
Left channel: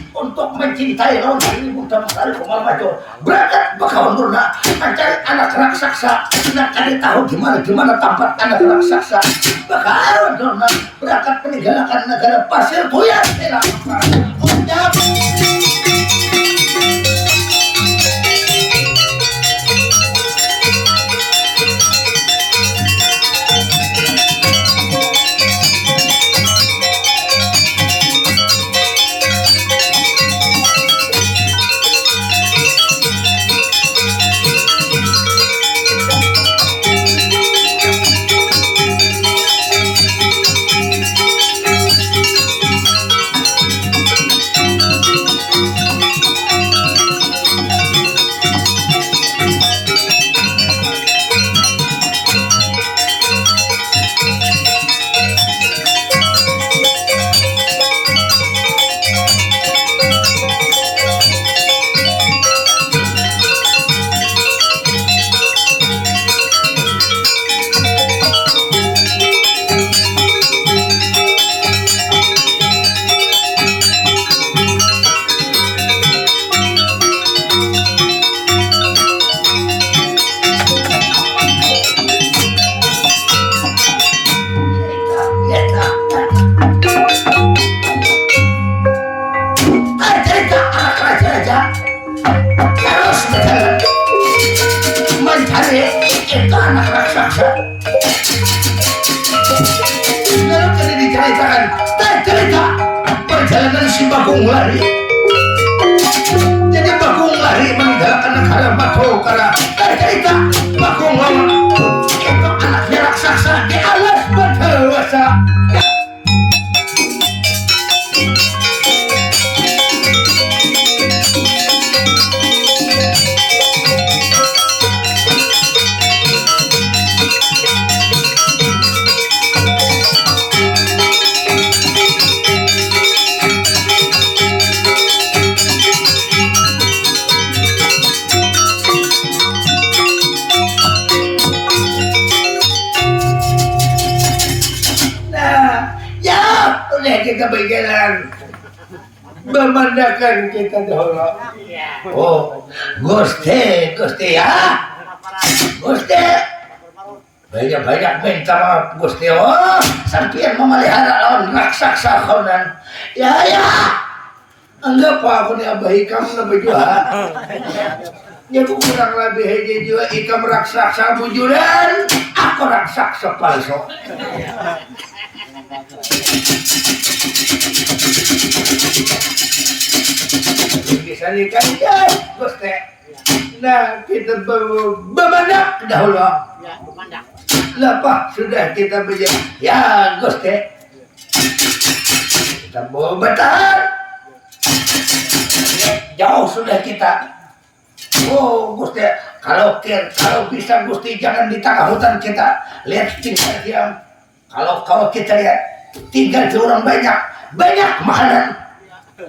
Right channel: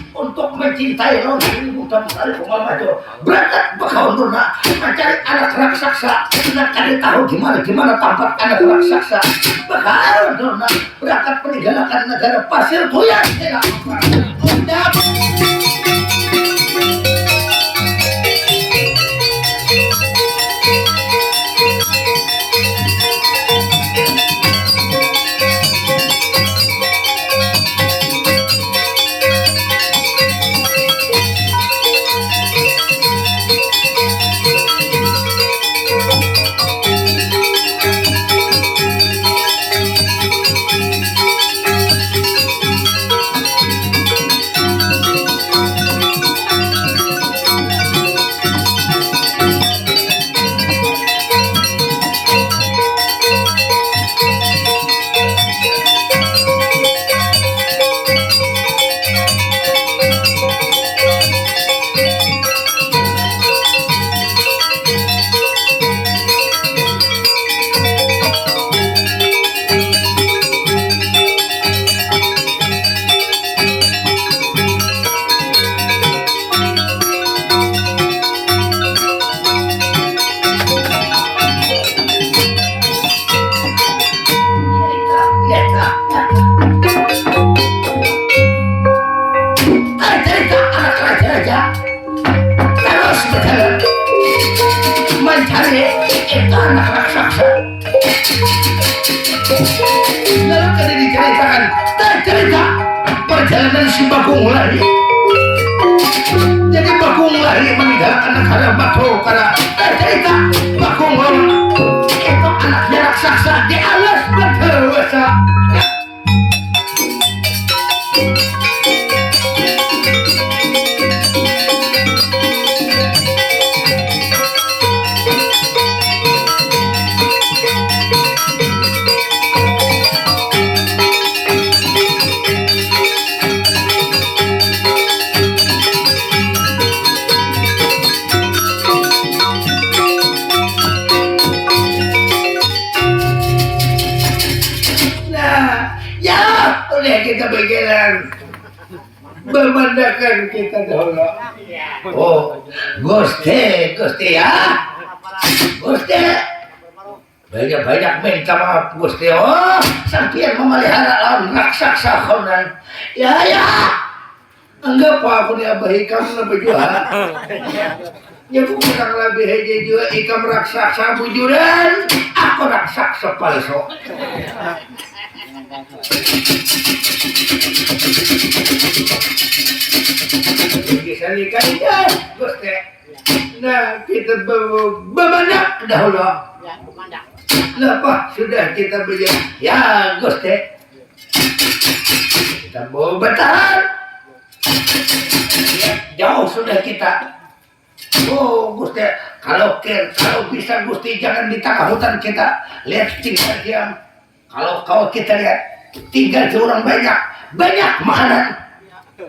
untuk mencintai lawan ini Bunda Mesari Kumal Maju berangkat Bakawandorna mencari anak raksasa nak ada tahu gimana tempat anak raksasa Bakawandorna berangkat meninggalkan negara pasir goyang ceritakan cerita perjalanan si Bagong lari. Jadi Bagong lari meninggalkan negara Batu karena cerita Bagong itu anaknya raksasa di alas Batawasa. Kita berjalan memandangkan kita dahulu. Oh, Gusti ya, Gusti. Banyak minta maaf Gusti. Oh, sampeyan memelihara lawan raksasa konan. Ya, anggap aku ni abah ikam na berjuang. Ya kurang lebih aja juga ikam raksasa bujuran, aku raksasa palsu. Kisahkan ya, Gusti. Nah, kita bermandak dahulu. Ya, bermandak. Lepas sudah kita berjalan. Ya, Gusti. Kita mau bertahan. Jauh sudah kita. Oh, Gusti, kalau bisa Gusti jangan di tengah hutan kita. Lihat tinggal diam. Kalau kita lihat tinggal di orang banyak makanan.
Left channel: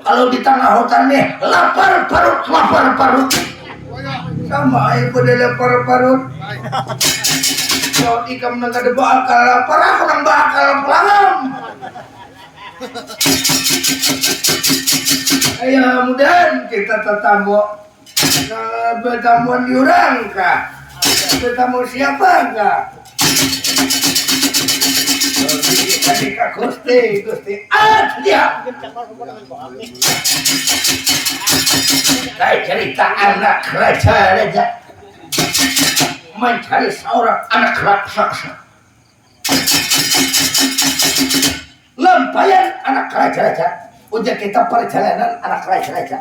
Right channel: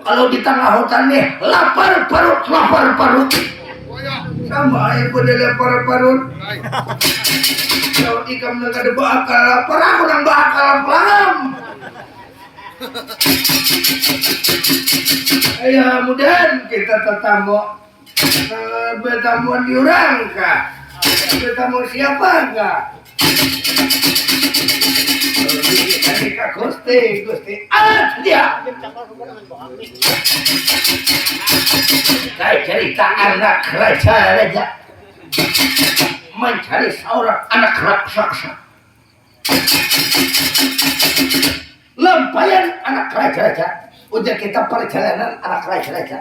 Kalau di tengah hutan nih lapar parut sama ibu dia lapar parut. Kalau ikam nang kada bakal lapar aku nang bakal pelam. Ayo mudahan kita tetamu bertamuan diorang kah? Bertamu siapa kah? Kak Gusti, dia. Saya cerita anak raja mencari seorang anak raksasa. Lampayan anak raja. Udah kita perjalanan anak raja.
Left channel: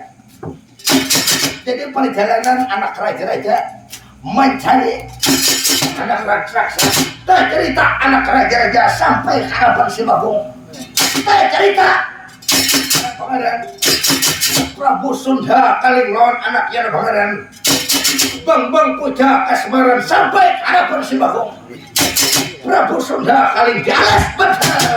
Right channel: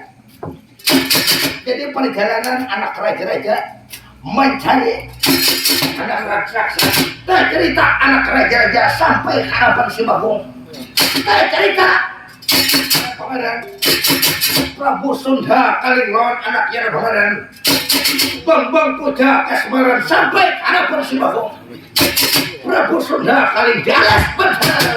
Jadi perjalanan anak raja mencari anak raksasa. Cerita anak raja sampai ke hadapan si Bagong. Cerita pangeran Prabu Sunda Kalinglon anaknya pangeran Bang Puja Kasmaran sampai ke hadapan si Bagong. Prabu Sunda Kalinggalas benar.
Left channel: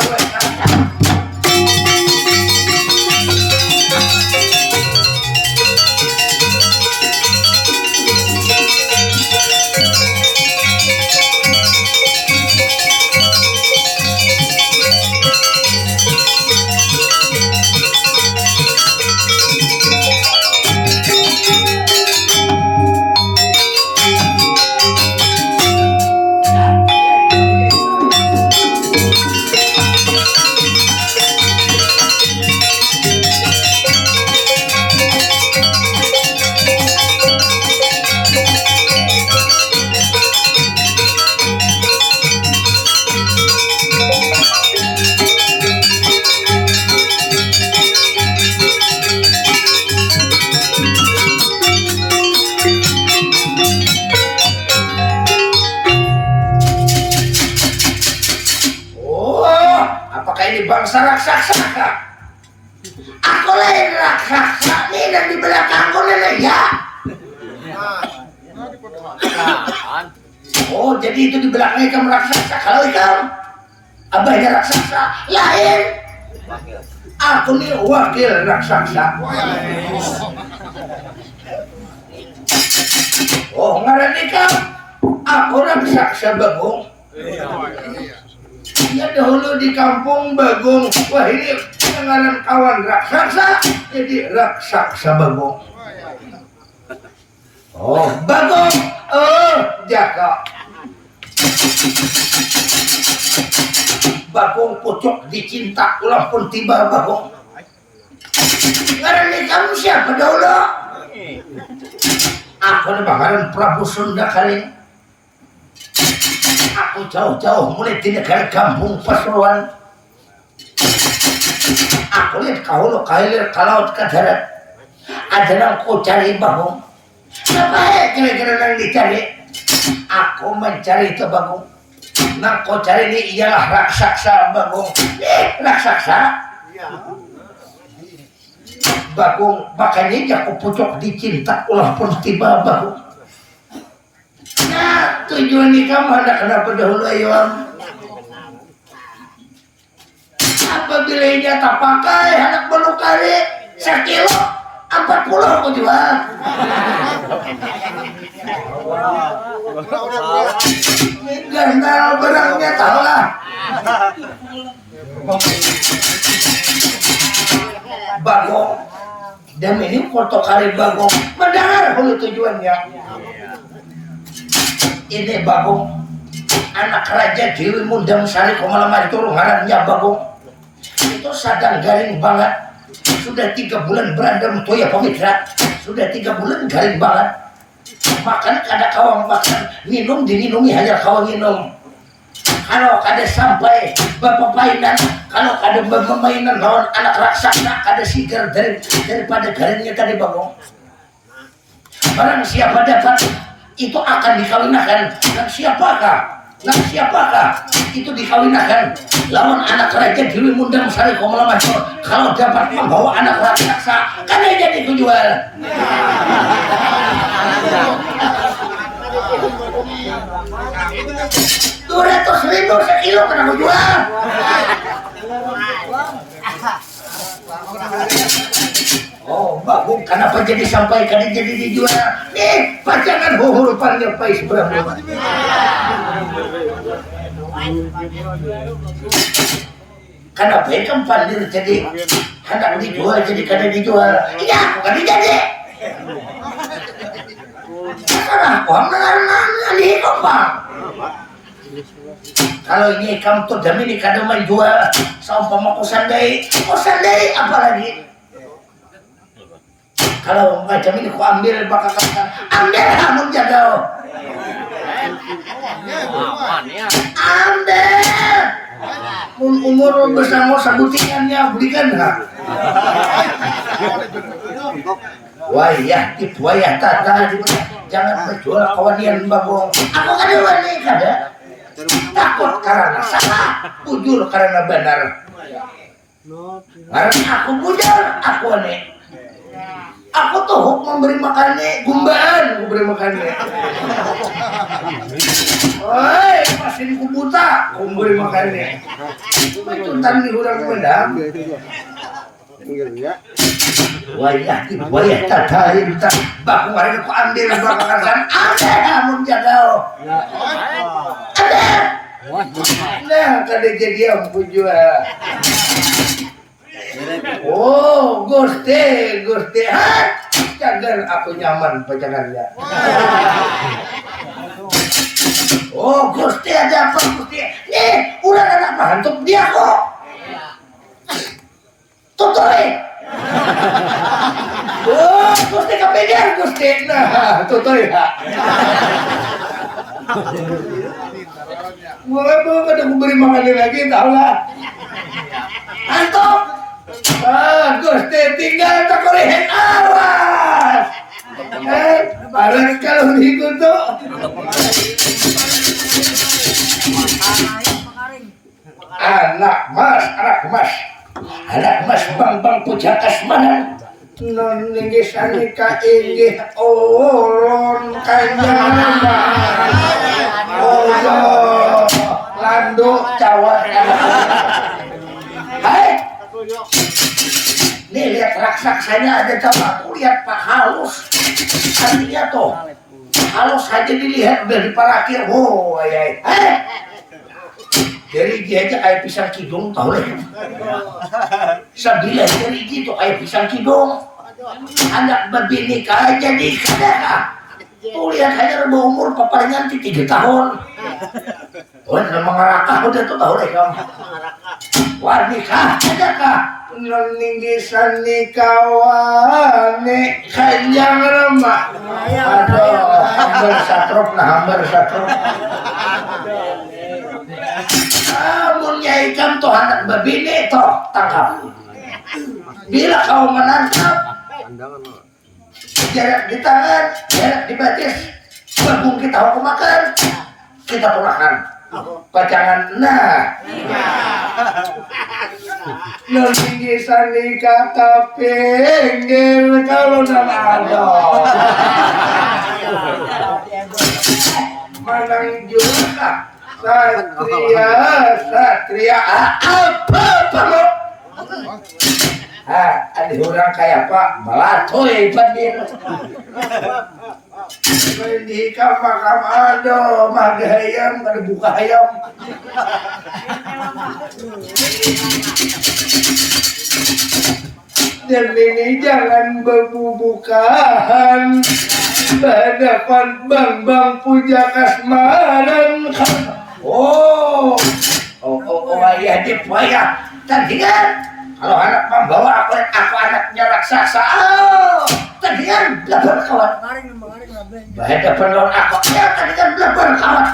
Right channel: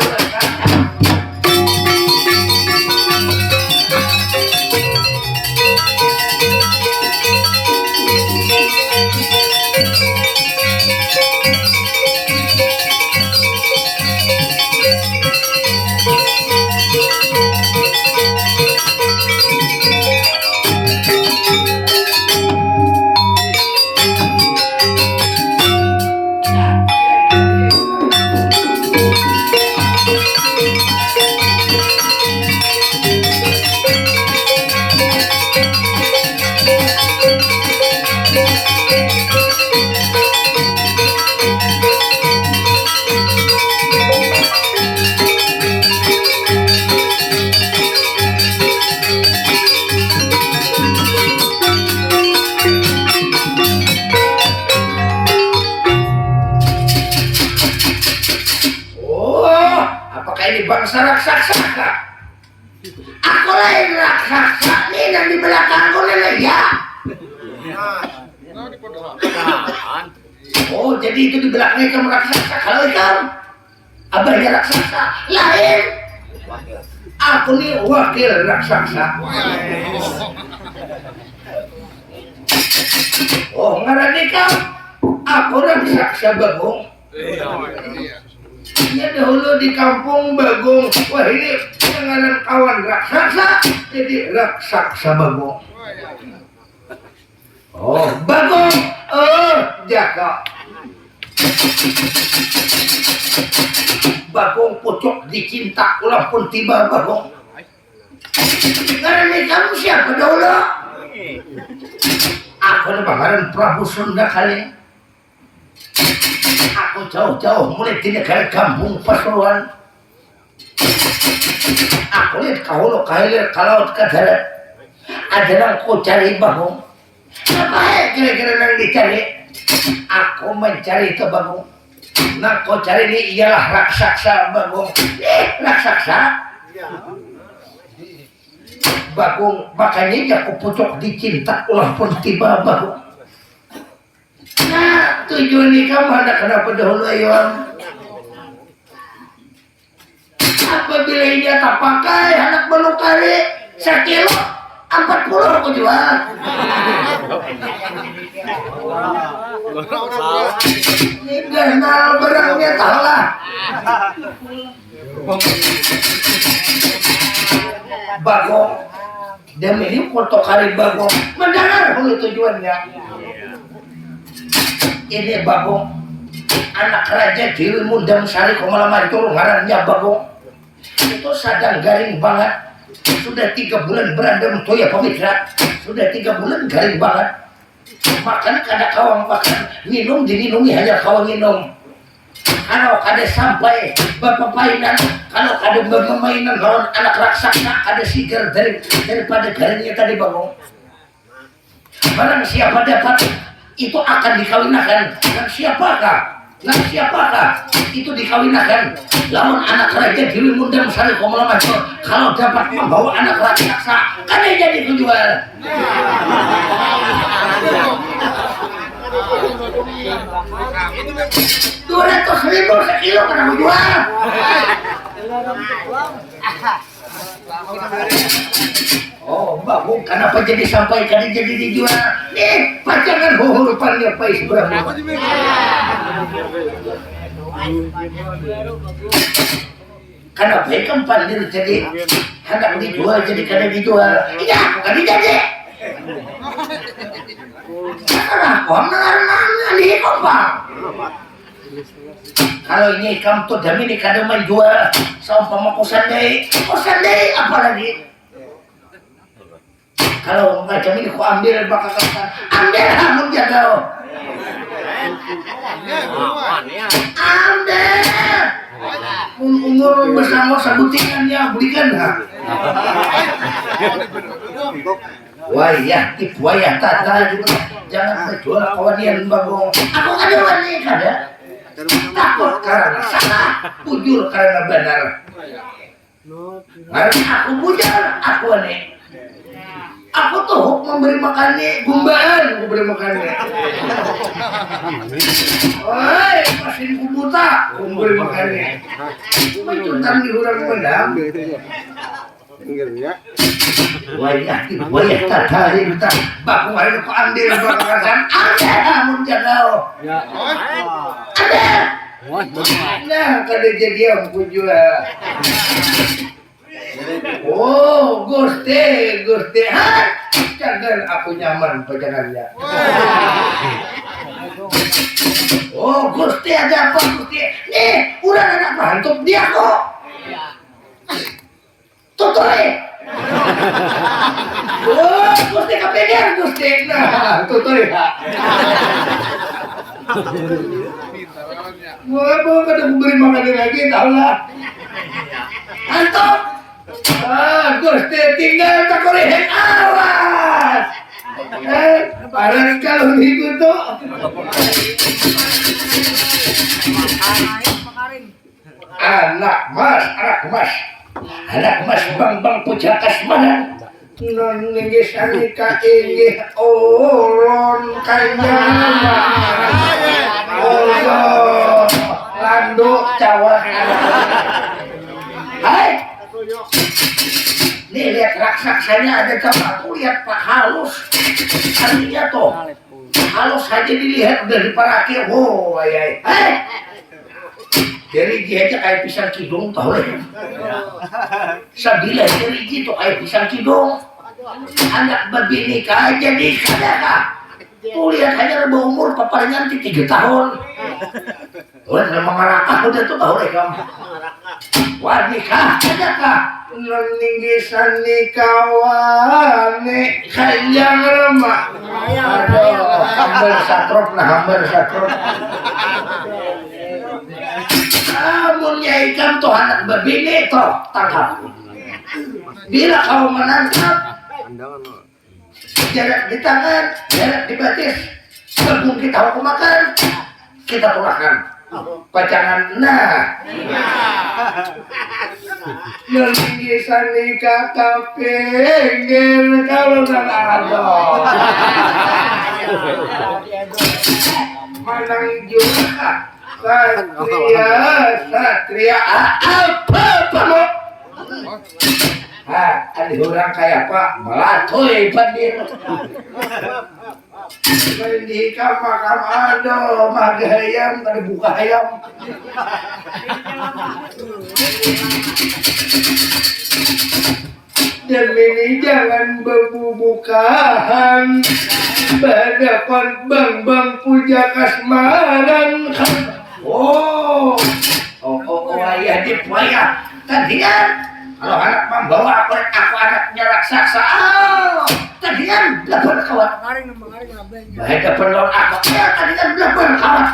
Bangsa raksasa. Aku lain raksasa nih dan di belakangku lele ya. Oh jadi itu di belakang ikam raksasa. Kalau ikam abahnya raksasa lain. Aku nih wakil raksasa. Oh ngaran ikam. Aku raksasa Bagong. Ya dahulu di kampung Bagong. Wah ini penganan kawan raksasa. Jadi raksasa Bagong. Oh Bagong. Oh Jaka. Bagong pucuk dicinta ulah pun tiba Bagong. Ngaran kamu siapa dahulu? Aku pangeran Prabu Sunda Kaling. Aku jauh-jauh mulai di negara kampung Pasuruan. Aku lihat kau lo kailir kalau ke darat ada nang kau cari bagong. Apa kira-kira nang dicari? Aku mencari itu bagong. Nang kau cari ini ialah raksasa bagong. Raksasa? Bagong makanya aku pucuk dicinta ulah pun tiba bagong. Nah tujuan ini kamu hendak kenapa dahulu ayam? Apabila dia tak pakai anak belukari 1 kilo 40 aku jual. Ganal barangnya tahu lah. Bagong dan ini foto kali bagong mendengar dulu tujuannya. Ini bagong anak raja Dewi Mundang Sari Komalamari turun ngarannya bagong. Itu sadang garing banget. Sudah 3 bulan berandam toya pamitra. Sudah 3 bulan garing banget. Makan kada kawang makan minum diminumi hanya kawang minum. Kalau kada sampai bapapainan, kalau kada bermainan lawan anak raksasa kada sigar daripada garingnya tadi bagong. Barang siapa dapat itu akan dikawinakan. Dan siapakah? Nah siapakah itu dikawinakan lawan anak raja Dewi Mundang Sari Komalamacur kalau dapat membawa anak raksasa kan dia jadi kujual. 200.000 sekilo kena kujual. Oh bagong kenapa jadi sampai kali jadi dijual? Nih pacangan hurupannya pais berapa? Kenapa ikan pandir jadi hendak dijual jadi kada dijual? Iya aku kada jadi. Sekarang aku mengarang ini kompang. Kalau ini kamu tuh demi ini kada menjual sama kosan dari apalagi? Kalau macam ini ku ambil bakal kapan? Ambil kamu jaga. Ambil. Umur bersama sabutingannya belikan enggak? Wayah wayah tata jangan menjual kawanian bagong. Aku kada wani kada. Takut karena salah, bujur karena benar. Karena aku bujur, aku wani. Aku tuh memberi makannya gumbaan, aku beri makannya. Woi, pasin ku buta, aku beri makannya. Mencutan di hurang pedang. Wayah tata kita bakung hari ku ambil bakaran ada mun jagao. Ada. Nah, kada jadi aku jual. Oh, Gusti. Jangan aku nyaman pajangannya. Oh, Gusti ada apa Gusti? Nih, udah anak mantuk dia kok. Tutoi. Oh, Gusti kepenger Gusti. Nah, tutoi. Mau kada beri makan lagi tahu lah. Mantap. Gusti tinggal tak boleh awas. Barang kalau dikutuk. Anak mas bang pujakas mana? Non ninggis anika inggih ulun kanyaman. Oh, landuk cawat. Hai. Nih lihat raksasanya ada coba tuh lihat Pak halus. Artinya tuh halus saja dilihat udah diparaki. Oh, ayai. Dari dia aja kayak pisang kidung tahu deh. Sabila dari gitu kayak pisang kidung. Anak berbini aja di kadang. Tuh lihat aja udah umur papalingan 3 tahun. Udah mengerakah udah tuh tahu deh kamu. Wah nikah ada kah? Ninggisan nikawane kanjang remah. Aduh, hambar satrop. Amunnya Kiai kan tuh anak babini toh tangkap. Bila kau menangkap, jarak di tangan, jarak di batis, bagong kita hukum makan, kita pulangkan. Pacangan nah. Nolinggi sani kakak pinggir kalau ada. Manang juga satria apa kamu? Ada orang kayak apa? Melatoy pandir. Di kamar aduh, maga ayam, ada buka ayam. Dan ini jangan berbubukan berhadapan bang puja kasmaran. Oh, ayah dipayah. Tadi kan kalau anak membawa aku anaknya raksasa. Oh, tadi kan belajar kawan. Berhadapan lawan aku. Ya, tadi kan belajar kawan.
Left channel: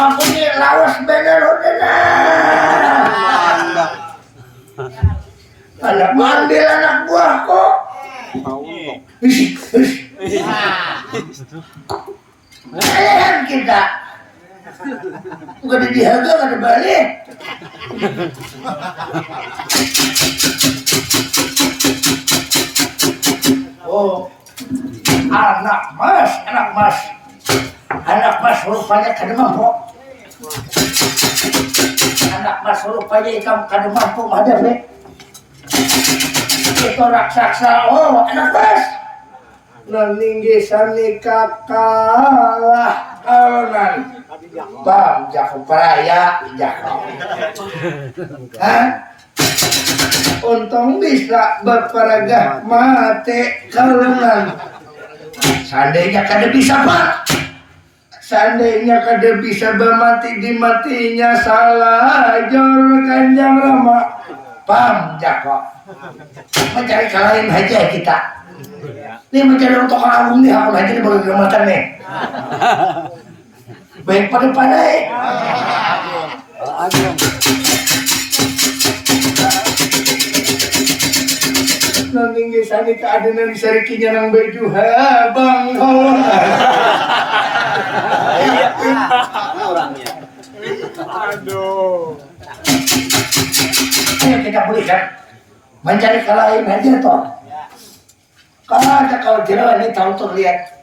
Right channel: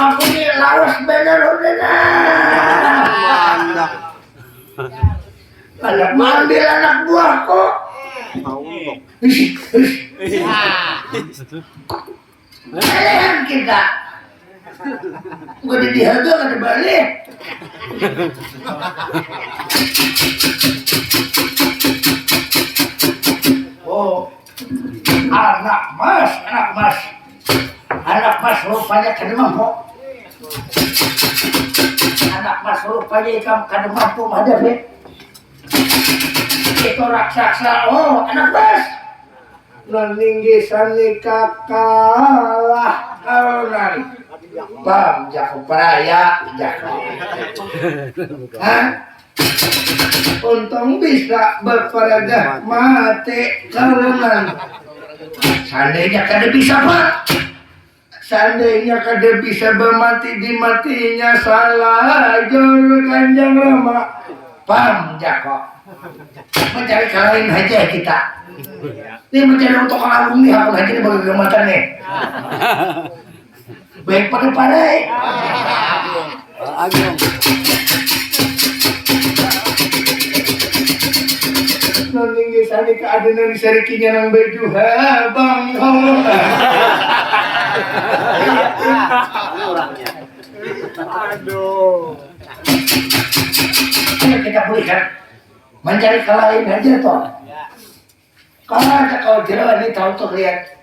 Aku ini lawas bener udah nah. Anak mandil anak buahku. Kalian kita. Gak ada dihaga, gak ada balik. Oh, anak mas rupanya kada mampu. Anak mas rupanya ikam kada mampu menghadapi. Itu raksasa. Oh, anak mas. Noninggi sani kakalah alunan. Bam, jako peraya, jako. Hah? Untung bisa berperagah mati kalengan. Seandainya kada bisa pak. Seandainya kada bisa bermati di matinya salah jor Kanjeng Rama. Pam jako. Mencari kalahin aja kita. Ini mencari untuk agung nih aku aja nih bagi kematan nih. Baik pada pandai. Nanging sani keadaan di sarikinya nang baju habang kau. Orangnya. Aduh. Ayo kita pulihkan. Mencari kalahin aja toh. Kalau ada kau jerawat ini tahu tuh lihat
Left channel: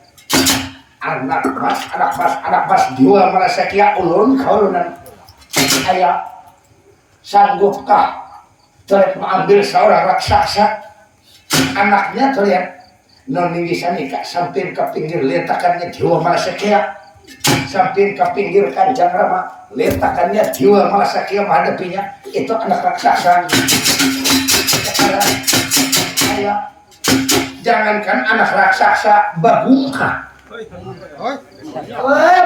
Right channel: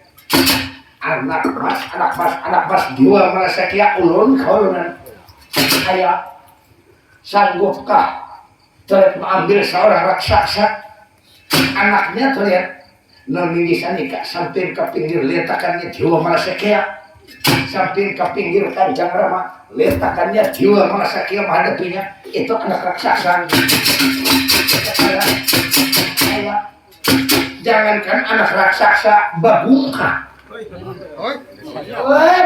anak mas dua merasa kia ulun kaulunan ayah sanggupkah terlihat mengambil seorang raksasa anaknya terlihat noninggisan nikah sampai ke pinggir letakannya jiwa merasa kia sampai ke pinggir Kanjeng Rama letakannya jiwa merasa kia menghadapinya itu anak raksasa ayah jangankan anak raksasa babungka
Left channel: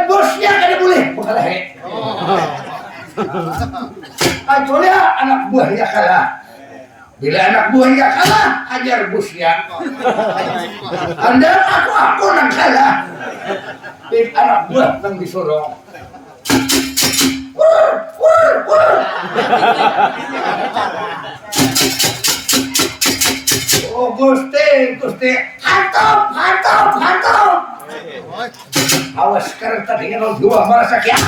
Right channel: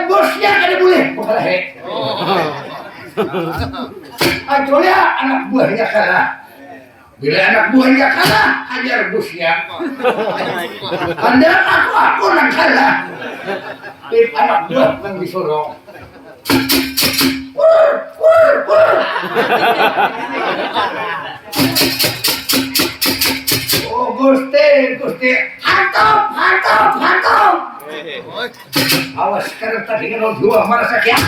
bosnya kada boleh bukalah aculia anak buahnya kalah bila anak buahnya kalah hajar bosnya anda aku nang kalah anak buah nang disorong oh Gusti hantap awas sekarang tadi dengan dua merasa kia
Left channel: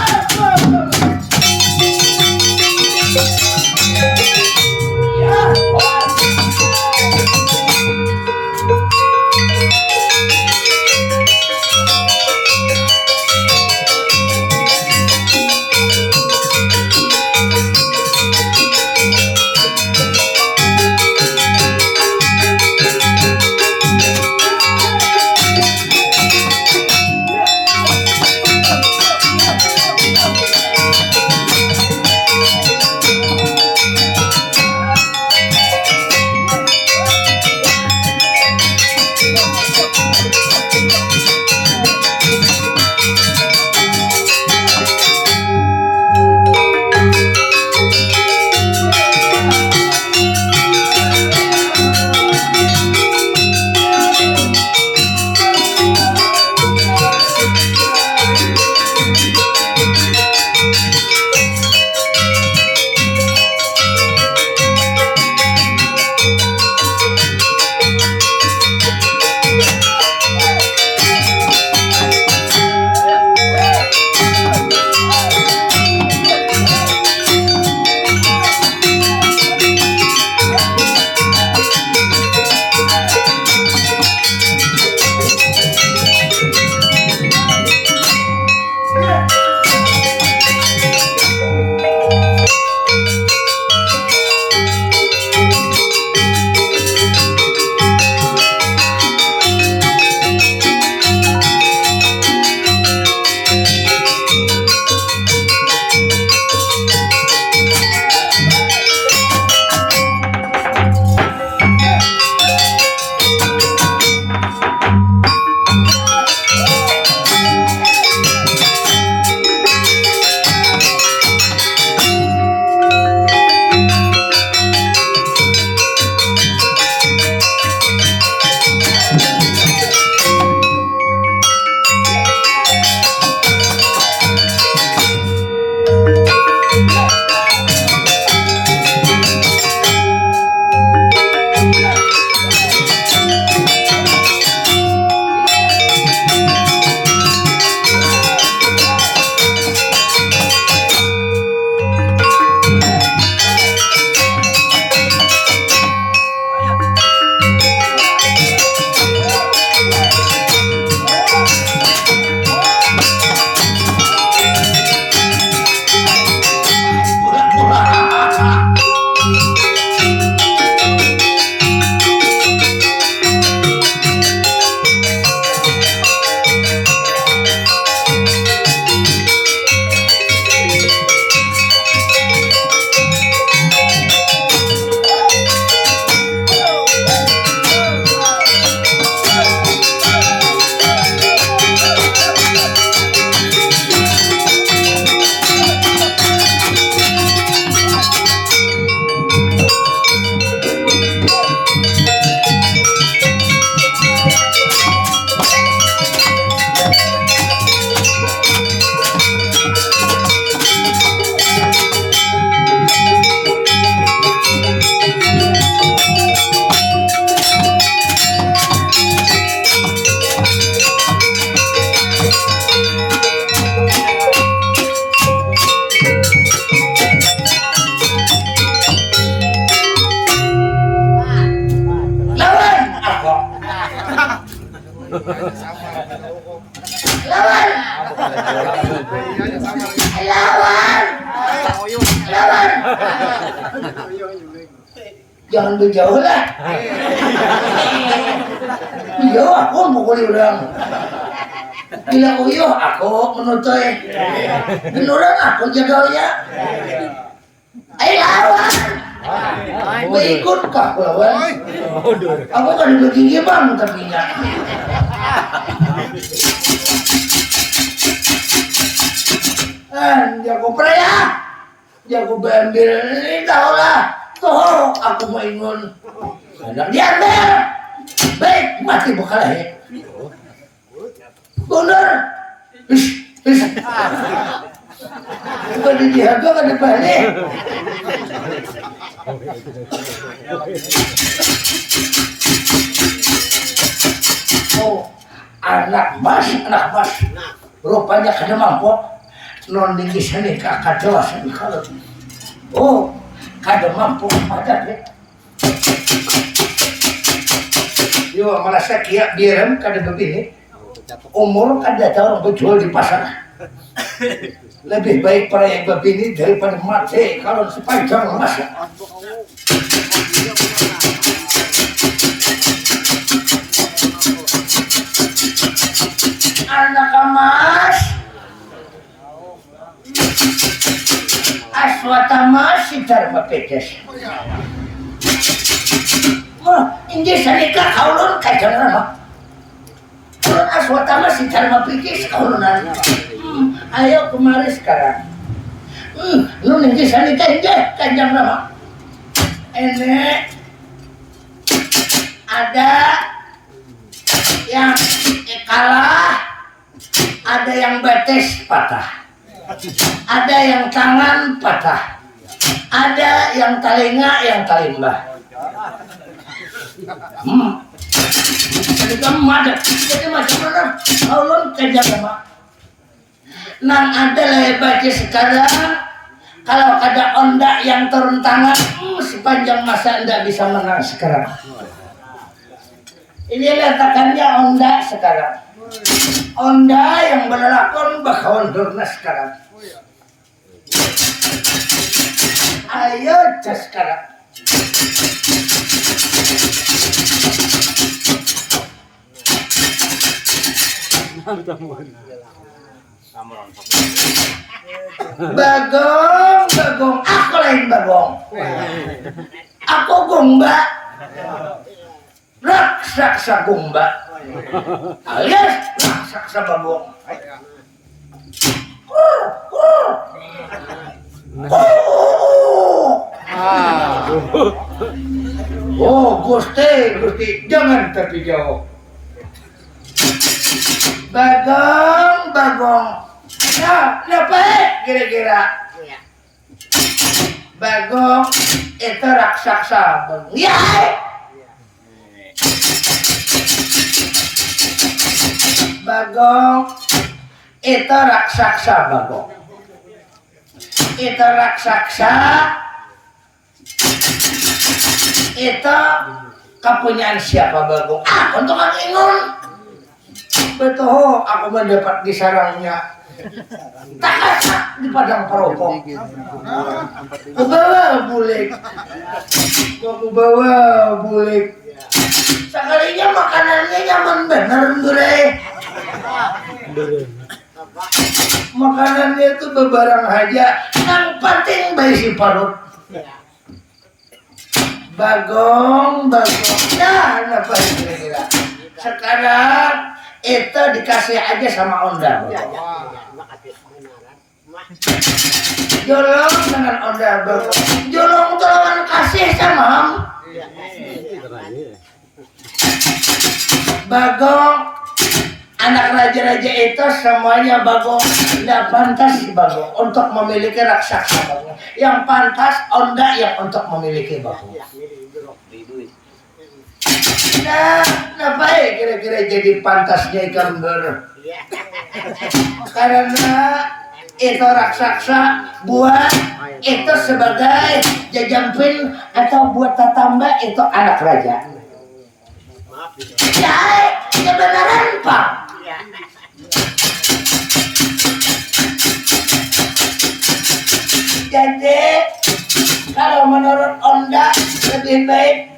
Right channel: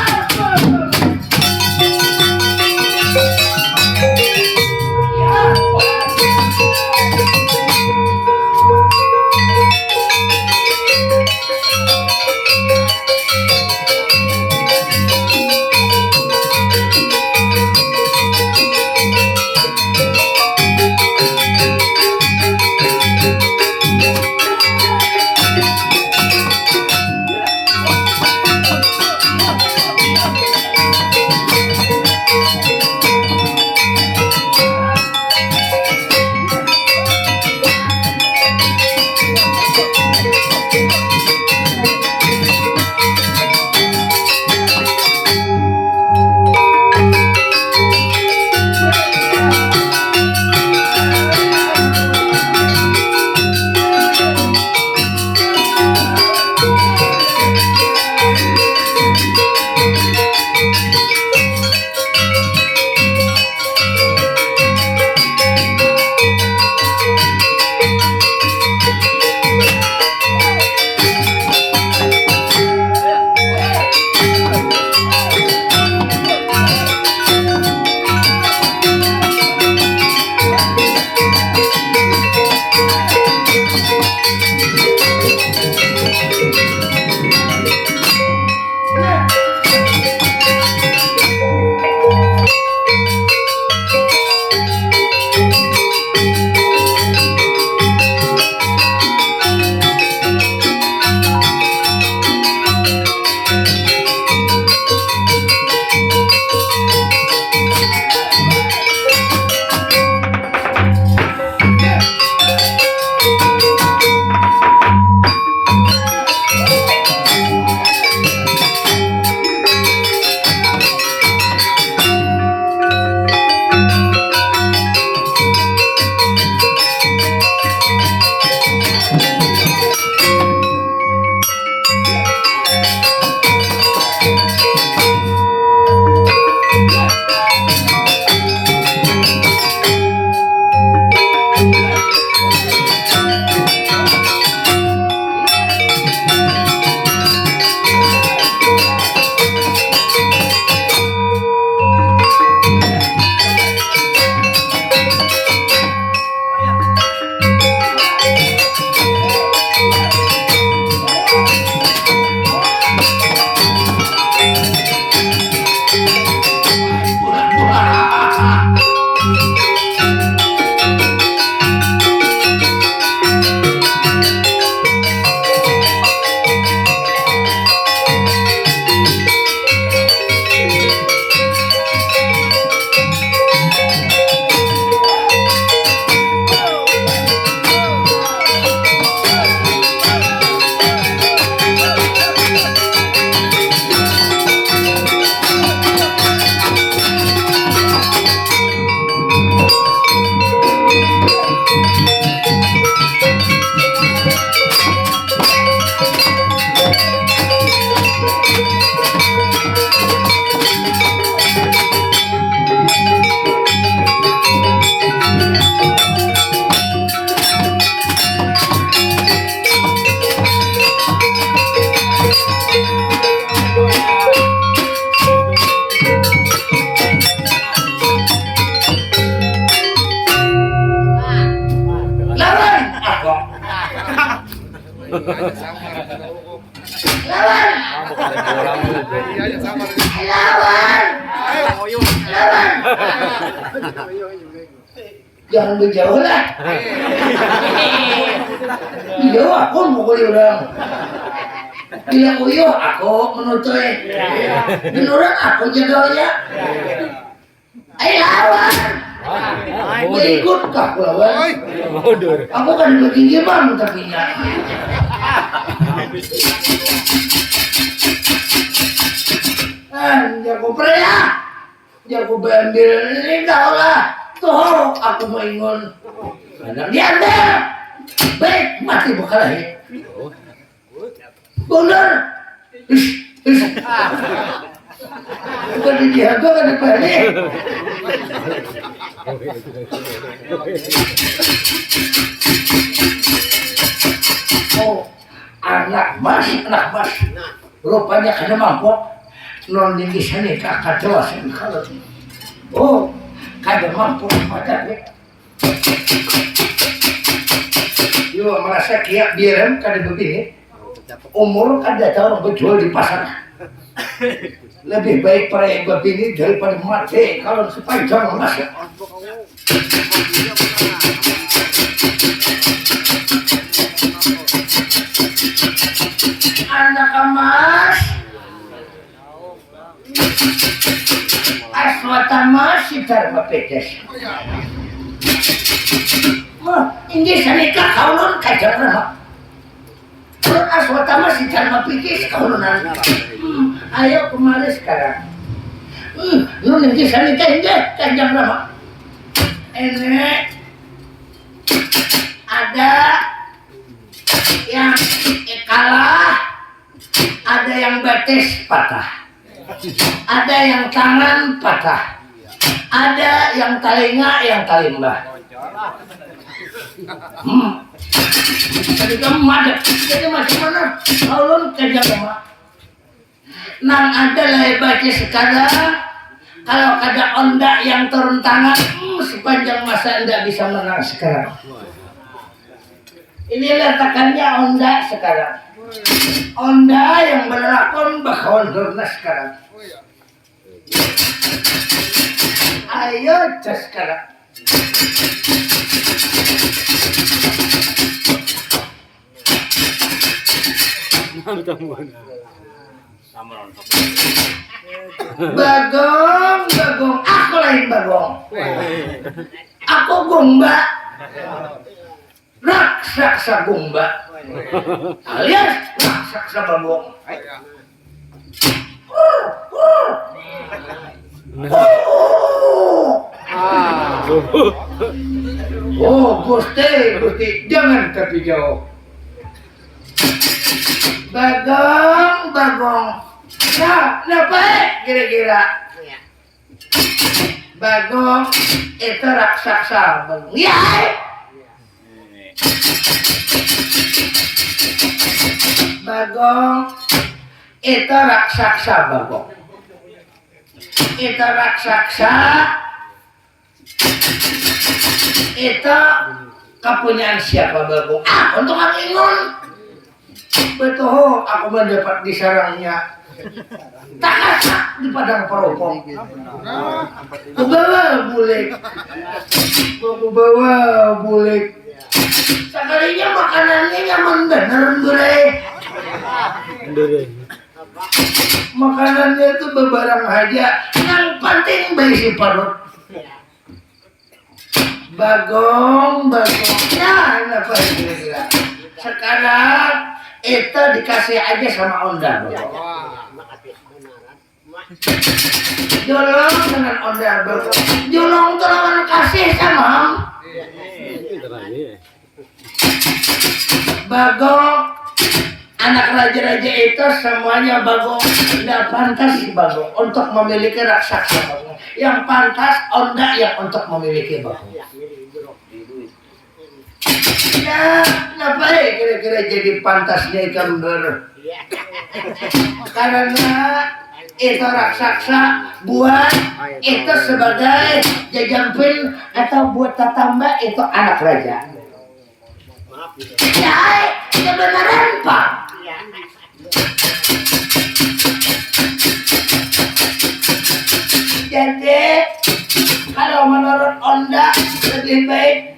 Lawan. Lawan. Lawan. Jangan berjauh lah. Iya, aku mukul orang. Bila uyuh aku menutup. Beneran aku jadolnya. Ayo lawan. Berikut kah lawan? Aku kan begini bang tapi nya. Jago pria, jago bambil ini dah lah. Tuh aku mau ingun. Kadang diambil. Baik mati berkalahi. Bener. Bukan dijaga kan dibalik. Oh, anak mas. Rupanya kada mampu. Non di sini kakak jelas kalau. Oh, kada mampu pada deh. Yo merasa kia biaran kada begini. Umur kada tahu berjual di pasar. Lebih baik para yang begini daripada mati kalau sepanjang masa. Anak emas aswatama sitar pedes. Ini sanika kaulun kajaran. Kalau aswatama sitar mapikis kaulunan. Ayo kemari sekarang. Lu nanti sanika indah kanjang nama. Ini ada yang kalah, ada yang betis patah, ada yang tangan patah, ada yang telinga yang talimbah. Jadi kamu madep, jadi macam mana? Kaulun kanjang nama. Nang ada lebatnya sekarang. Kalau kada onda yang turun tangan, sepanjang masa tidak bisa menang sekarang. Ini letakkannya onda sekarang. Onda yang berlakon bakawan durna sekarang. Ayo cas sekarang. Bagong, aku lain bagong. Aku gomba, raksasa gomba, alias raksasa bagong. Oh, Gusti, jangan tapi jauh. Bagong. Ya, kenapa kira-kira? Bagong itu raksasa bagong. Ya. Bagong itu raksasa bagong. Itu raksasa itu kepunyaan siapa bagong? Untuk Kang Ingun. Betul, aku mendapat di sarangnya. Tak kasak di padang peropok. Kubawa bulik. Sekalinya makanannya nyaman bener bre. Makanannya itu bebarang aja. Yang penting bayi si parut. Bagong. Nah, apa kira-kira? Sekarang itu dikasih aja sama onda. Jolong dengan onda bagong. Jolong tuh lawan kasih sama bagong. Anak raja-raja itu semuanya bagong. Tidak pantas bagong untuk memiliki raksasa bagong. Yang pantas onda yang untuk memiliki bagong. Nah, apa ya kira-kira jadi pantasnya ikan ber? Karena itu raksasa buat itu sebagai jajampil atau buat tatamba itu anak raja. Ya, kebenaran Pak. Jadi kalau menurut Onda lebih baik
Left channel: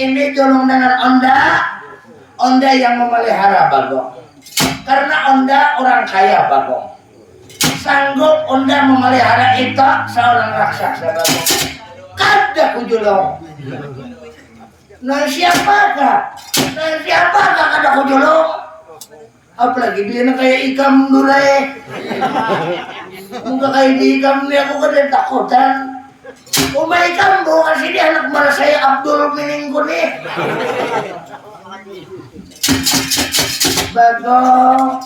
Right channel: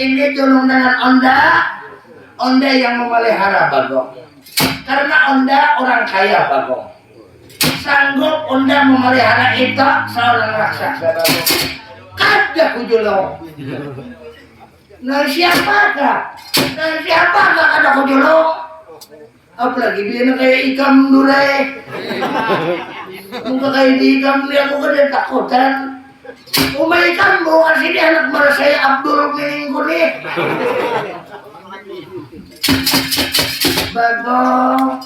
ini julung dengan Onda yang memelihara Bagong. Karena Onda orang kaya Bagong. Sanggup Onda memelihara itu seorang raksasa Bagong. Kada kujulong. Nah siapakah kada kujulong? Apalagi dia na kayak ikam dulay. Muka kayak di ikam dia aku kada takutan. Umay ikam mo kasi dia anak marasay Abdul Miningko ni. Bagong.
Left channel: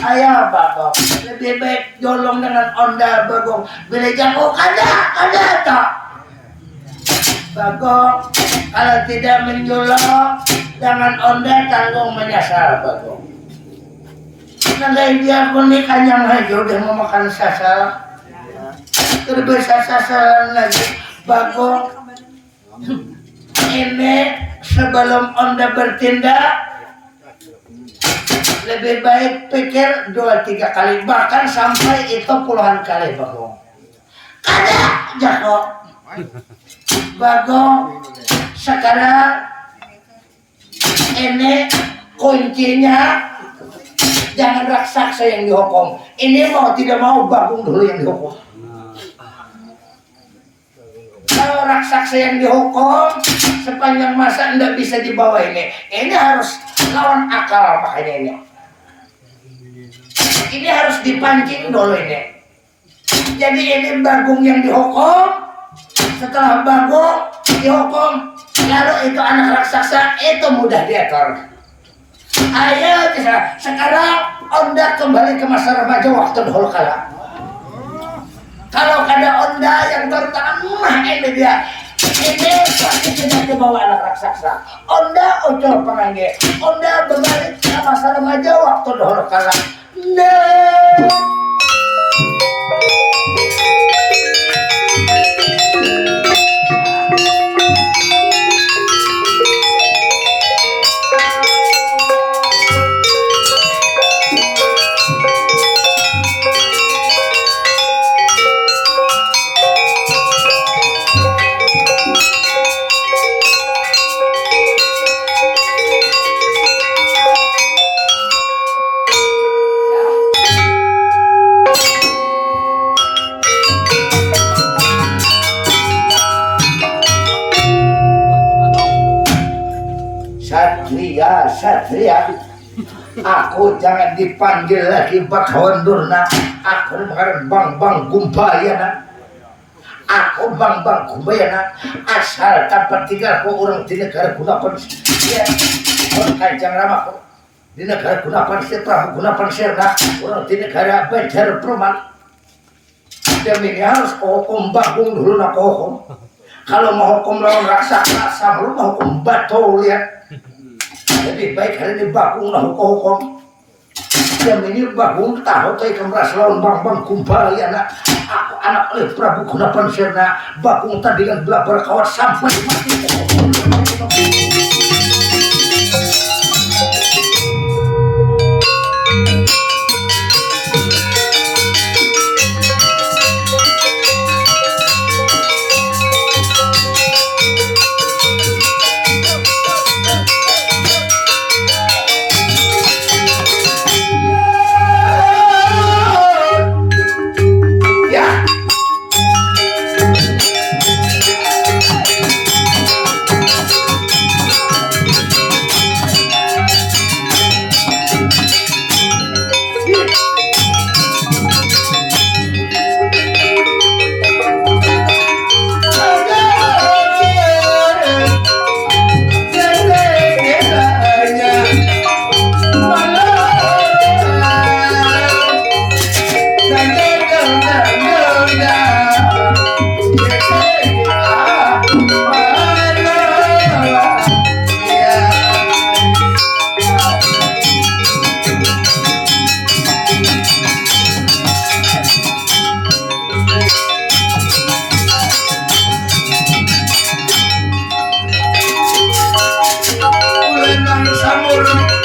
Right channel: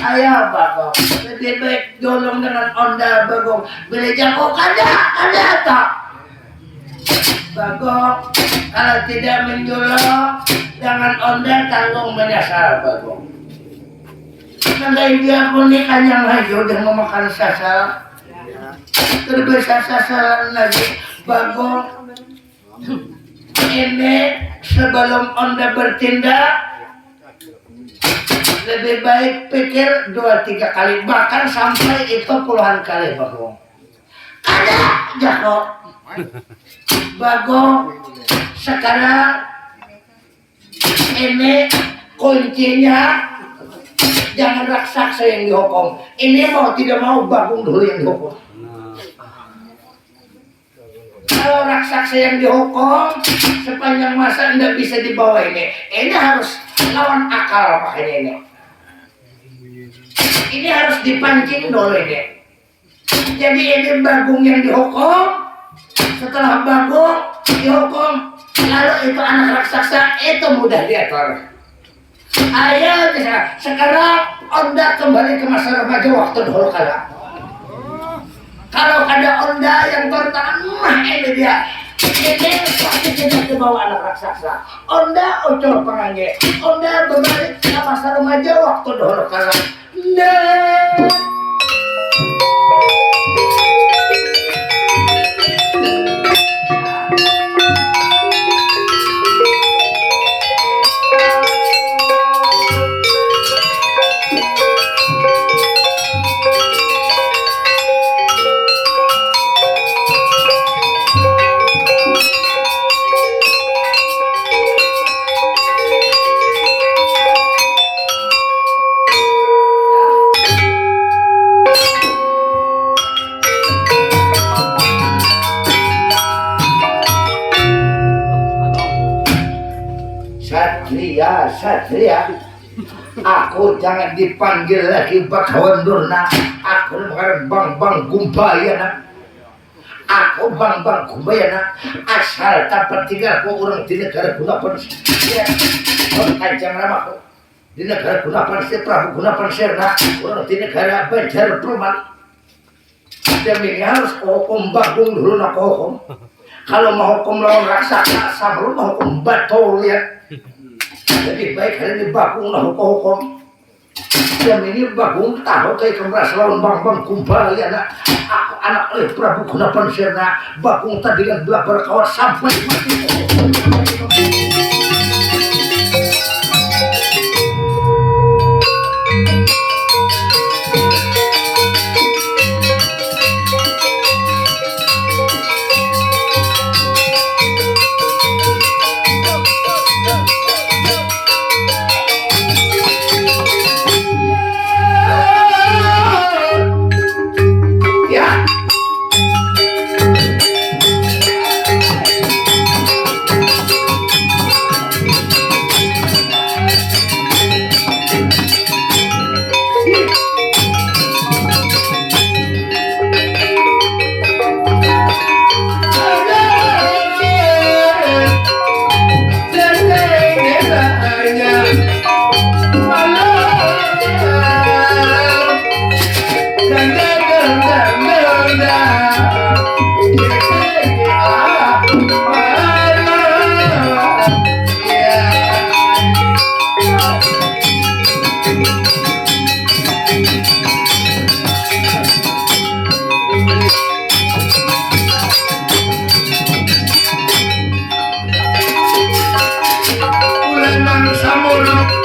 Ayaw Bagong. Lebih baik jolong dengan Onda Bagong. Bila jago kada tak. Bagong, kalau tidak menjolong dengan Onda tanggung menyasar Bagong. Nanggai dia pun ni kanyang hayo udah mau makan sasal. Terbesar sasalan lagi Bagong. Ini sebelum Onda bertindak lebih baik pikir 2-3 kali, bahkan sampai itu puluhan kali Bagong. Kada jago. Bagong sekarang ini kuncinya jangan raksasa yang dihukum. Ini mau tidak mau Bagong dulu yang dihukum. Kalau raksasa yang dihukum sepanjang masa tidak bisa dibawa ini harus lawan akal makanya ini. Ini harus dipancing dulu ini. Jadi ini Bagong yang dihukum. Setelah Bagong dihukum, lalu itu anak raksasa itu mudah diatur. Ayo sekarang Onda kembali ke masa remaja waktu dahulu kala. Kalau ada Onda yang tertangan, ini dia. Ini pasti tidak dibawa anak raksasa. Onda ucul pengangge. Onda berbalik ke masa remaja waktu dahulu kala. Nah. Satria, aku jangan dipanggil lagi Bakawan Durna. Aku mengharap bang Gumbayana. Aku bang Gumbayana. Asal tanpa tinggal ku orang di negara Gunapan. Ya, orang Kanjeng Ramaku di negara Gunapan, Prabu Gunapan Sirna, orang di negara Banjar Perman. Demi harus hukum Bagong dulu nak hukum. Kalau mau hukum lawan raksasa, sebelum mau hukum batu lihat. Lebih baik hari ini Bagong lah hukum. Jam ini Bagong tahu kayak kemeras lawan bang kumpul ya nak. Aku anak oleh Prabu Gunapan Sirna. Bagong tadi dengan belah berkawat sampai mati. nang samono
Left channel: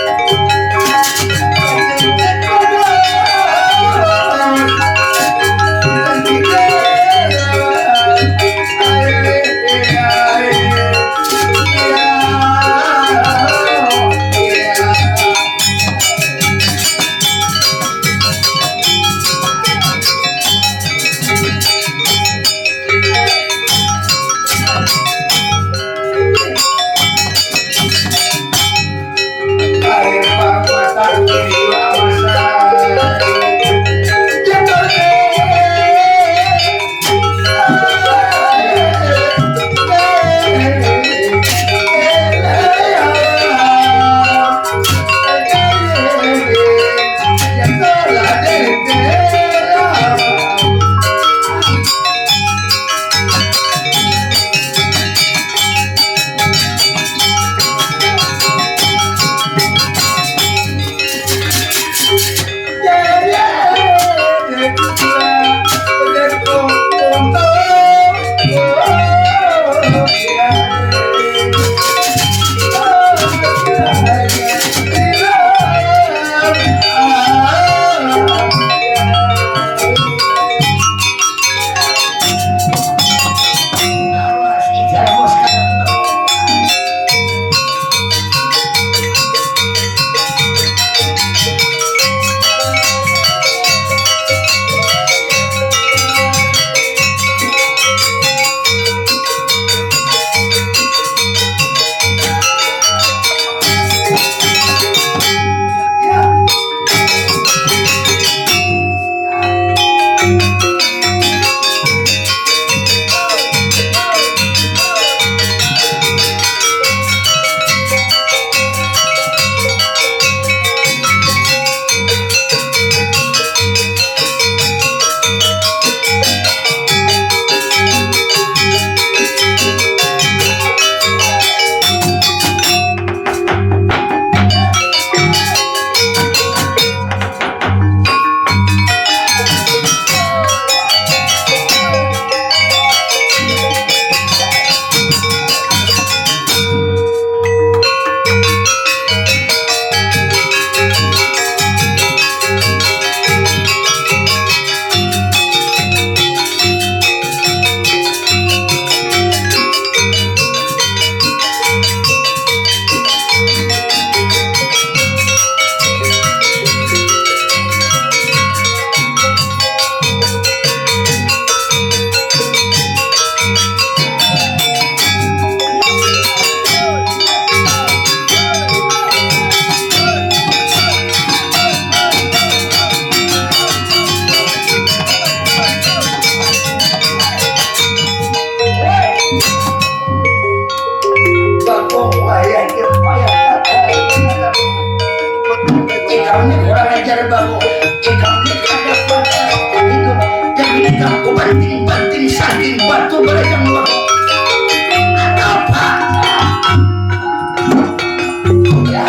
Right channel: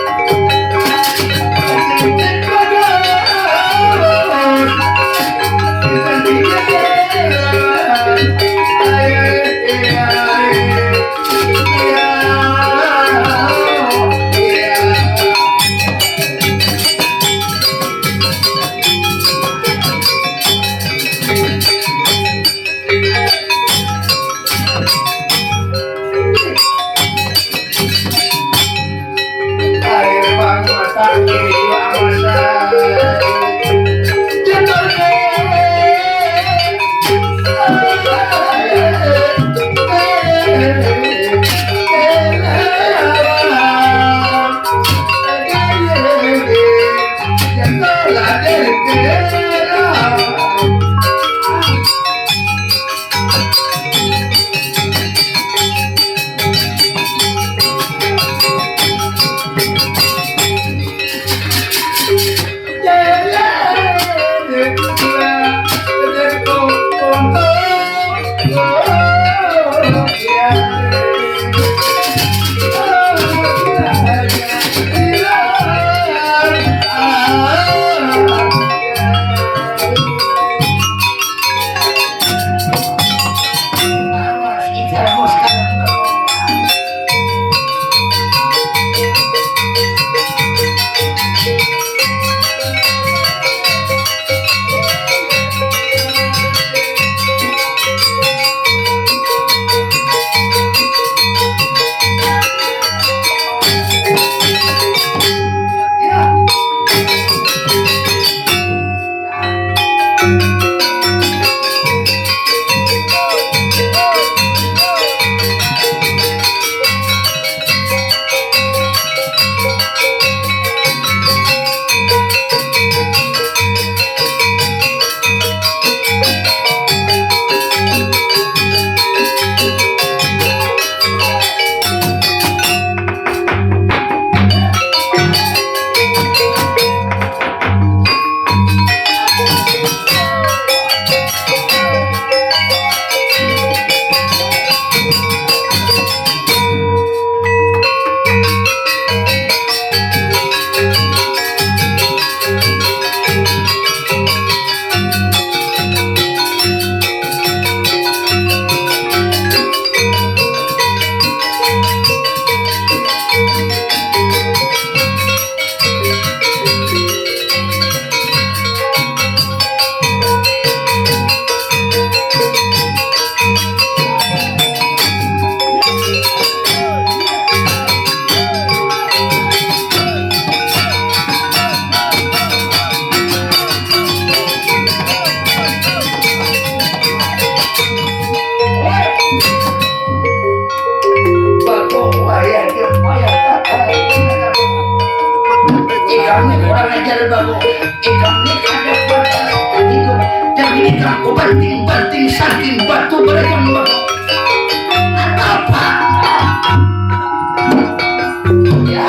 Ikamnya kurang ajar baru. Ikamnya ada pada itu. Yang ini kamu banting-banting saking batu berayam baru. Apa? Ya.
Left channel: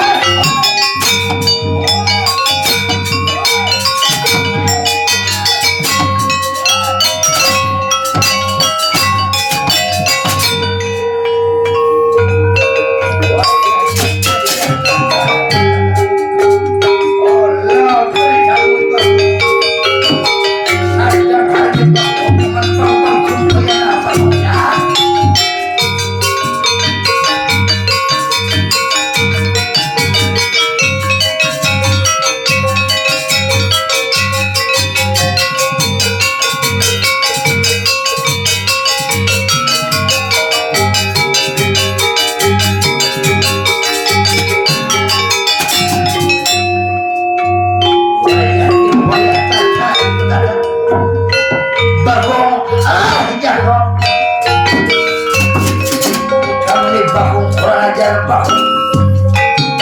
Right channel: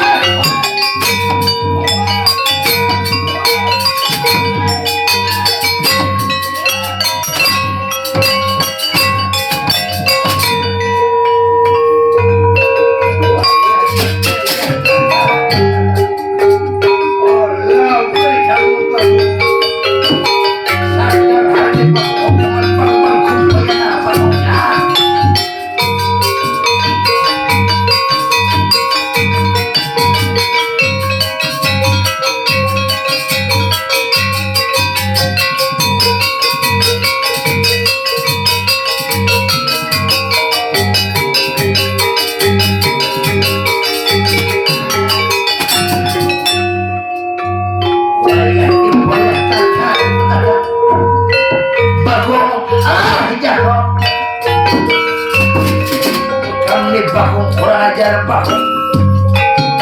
Bakung kurang ajar bakung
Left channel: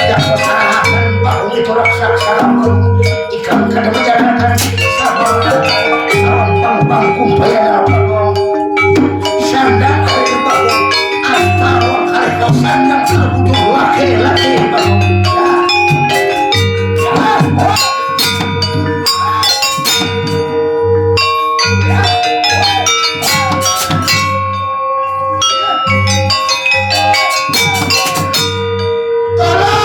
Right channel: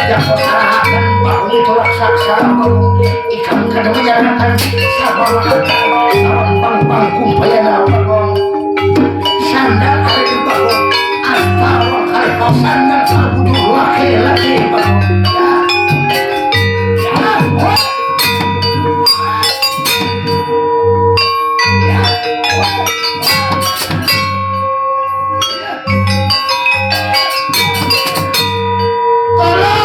yang kesalahan bakung itu raksasa bakung ikan kadang menjalankan sabar salam bang kumpayana bakung sandang kali bakung astagfirullah kali kau sandang sebudu laki-laki bakung Tolong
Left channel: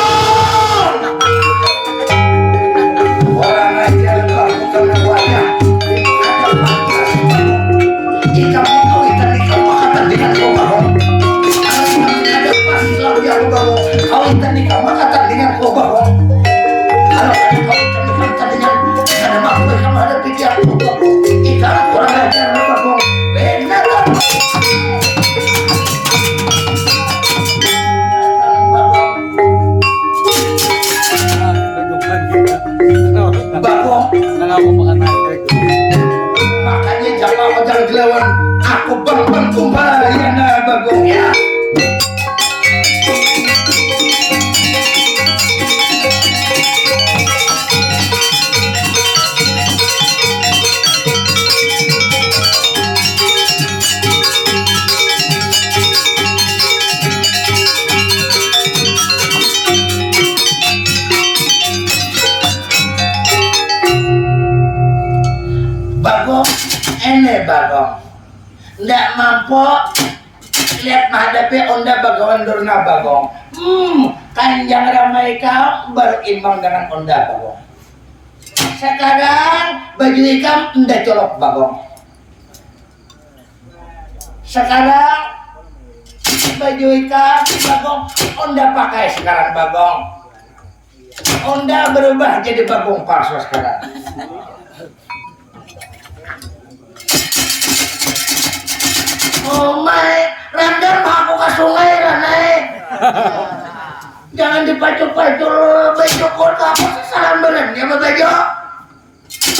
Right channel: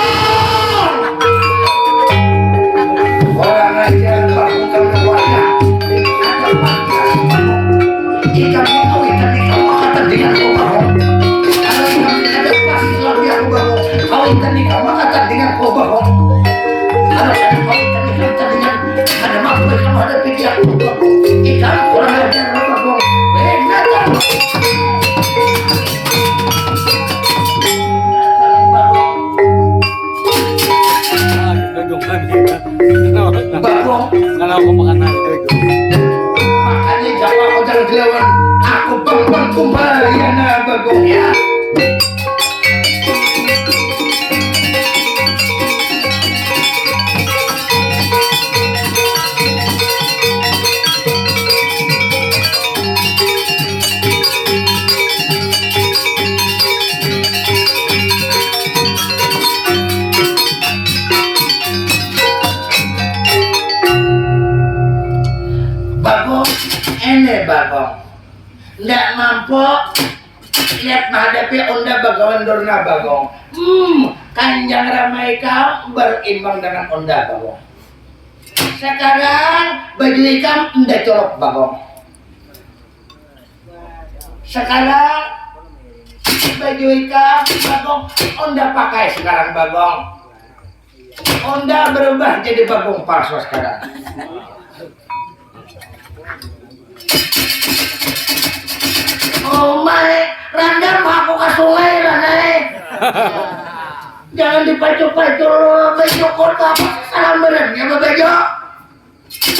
pawitan di kamar kata dengan kau bahwa kalau ada pawitan di kata dengan ada mampu sama ada pikiran ikan kurang ajar bahwa benar Bagong makanya jangan modal gelawan aku bang kumbayana Bagong ya Bagong ndak mampu lihat menghadapi onda bagawan Dorna Bagong kanjang ramai kau berimbang dengan onda Bagong sekarang baju ikam ndak colok Bagong sekarang baju ikam Bagong onda pakai sekarang Bagong onda berubah jadi Bagong palsu sekarang oh my, randam aku ke sungai Ranai. Jangan dipacu-pacu baju kota apa salam beren ya baju.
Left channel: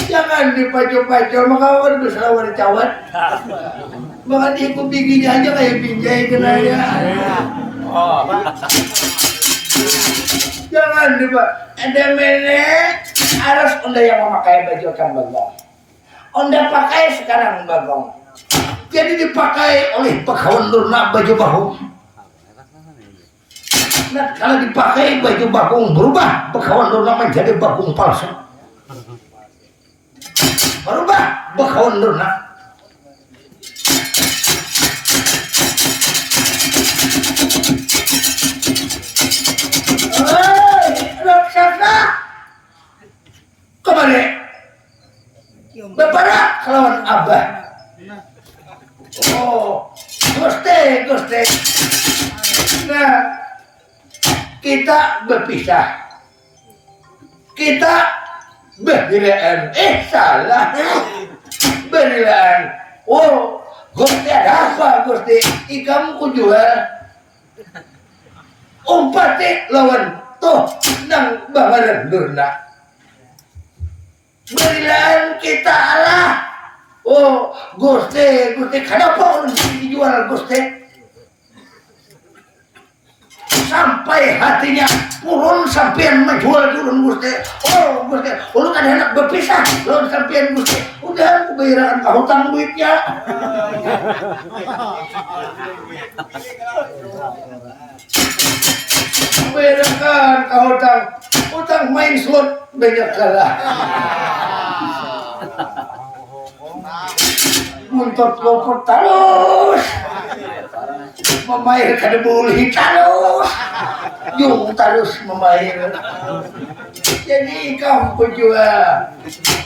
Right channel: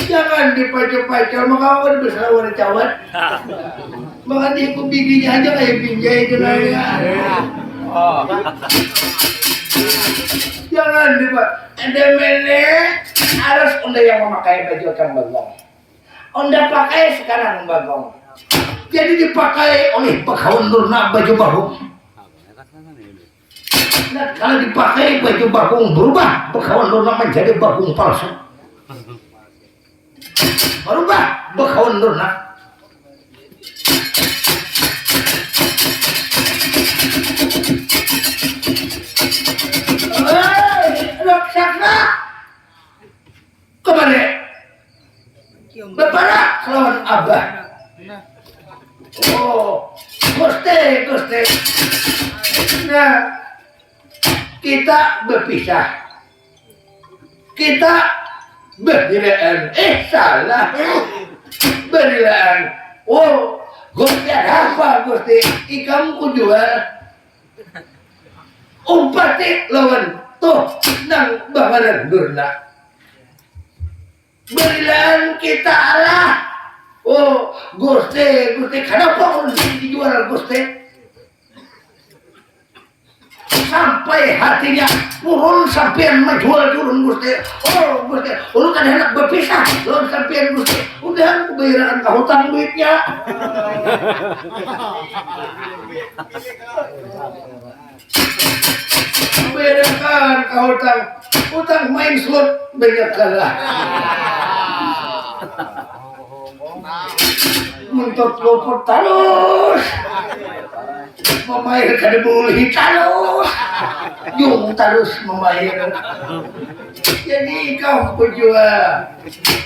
Jangan dipacu-pacu maka aku bisa wanita cawat. Maka dia ku bikinnya aja kayak pinjai kena ya. Oh. Jangan dipacu. Ada mene harus onda yang memakai baju kan Bagong. Onda pakai sekarang Bagong. Jadi dipakai oleh Bagawan Dorna baju Bagong. Nah, kalau dipakai baju Bagong berubah Bagawan Dorna menjadi Bagong palsu. Berubah Bagawan Dorna. Raksasa kembali bebarak lawan Abah. Oh, Gusti. Nah, kita berpisah. Kita berdilaan. Salah. Berdilaan. Oh, Gusti ada apa Gusti? Ikam ku jual. Umpati lawan tuh nang Bagawan Dorna. Berdilaan kita Allah. Oh, Gusti, kenapa harus dijual Gusti? Sampai hatinya purun sampean menjual turun Gusti. Oh, Gusti, lu kan hendak berpisah, lu sampean Gusti. Udah bayaran ke hutang duitnya. Bayaran ke hutang main slot banyak kalah. Untuk lopot terus memair kada boleh terus yung terus memair jadi kau penjual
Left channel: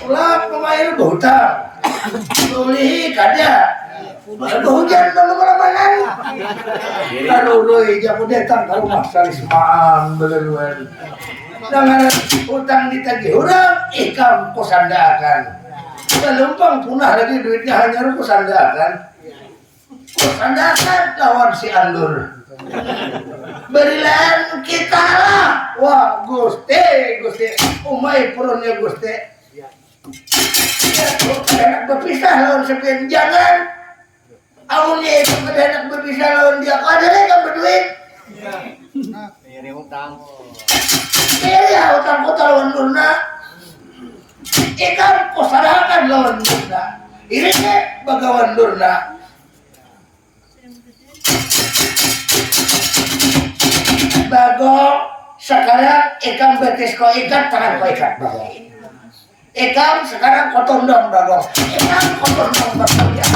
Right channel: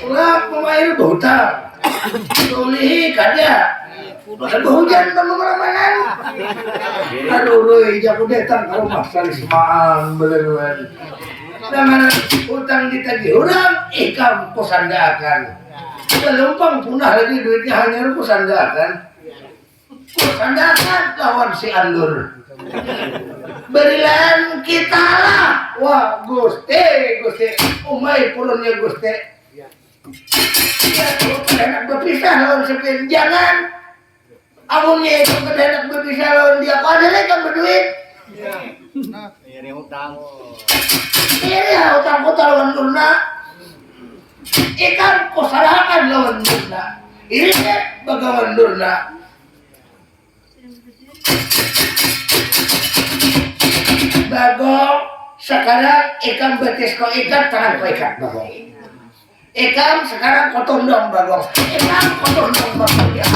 ulah memair berhutang boleh kada berhujan teman-teman aduh jago datang kalau maksa semaan beneran dengan hutang ditagih orang ikam kosandakan lumpang punah lagi duitnya hanya kusandakan lawan si Andur berilan kita lah wah Gusti umay purunnya Gusti enak berpisah lawan sepian jangan amunnya itu enak berpisah lawan dia kok ada lagi kan berduit ini hutang kota lawan Dorna ikan kosarakan lawan Dorna ini Bagawan Dorna Bagong sekarang ikan betis kau ikat tangan kau ikat Bagong ikan sekarang kau tondong Bagong ikan kau tondong Bagong ya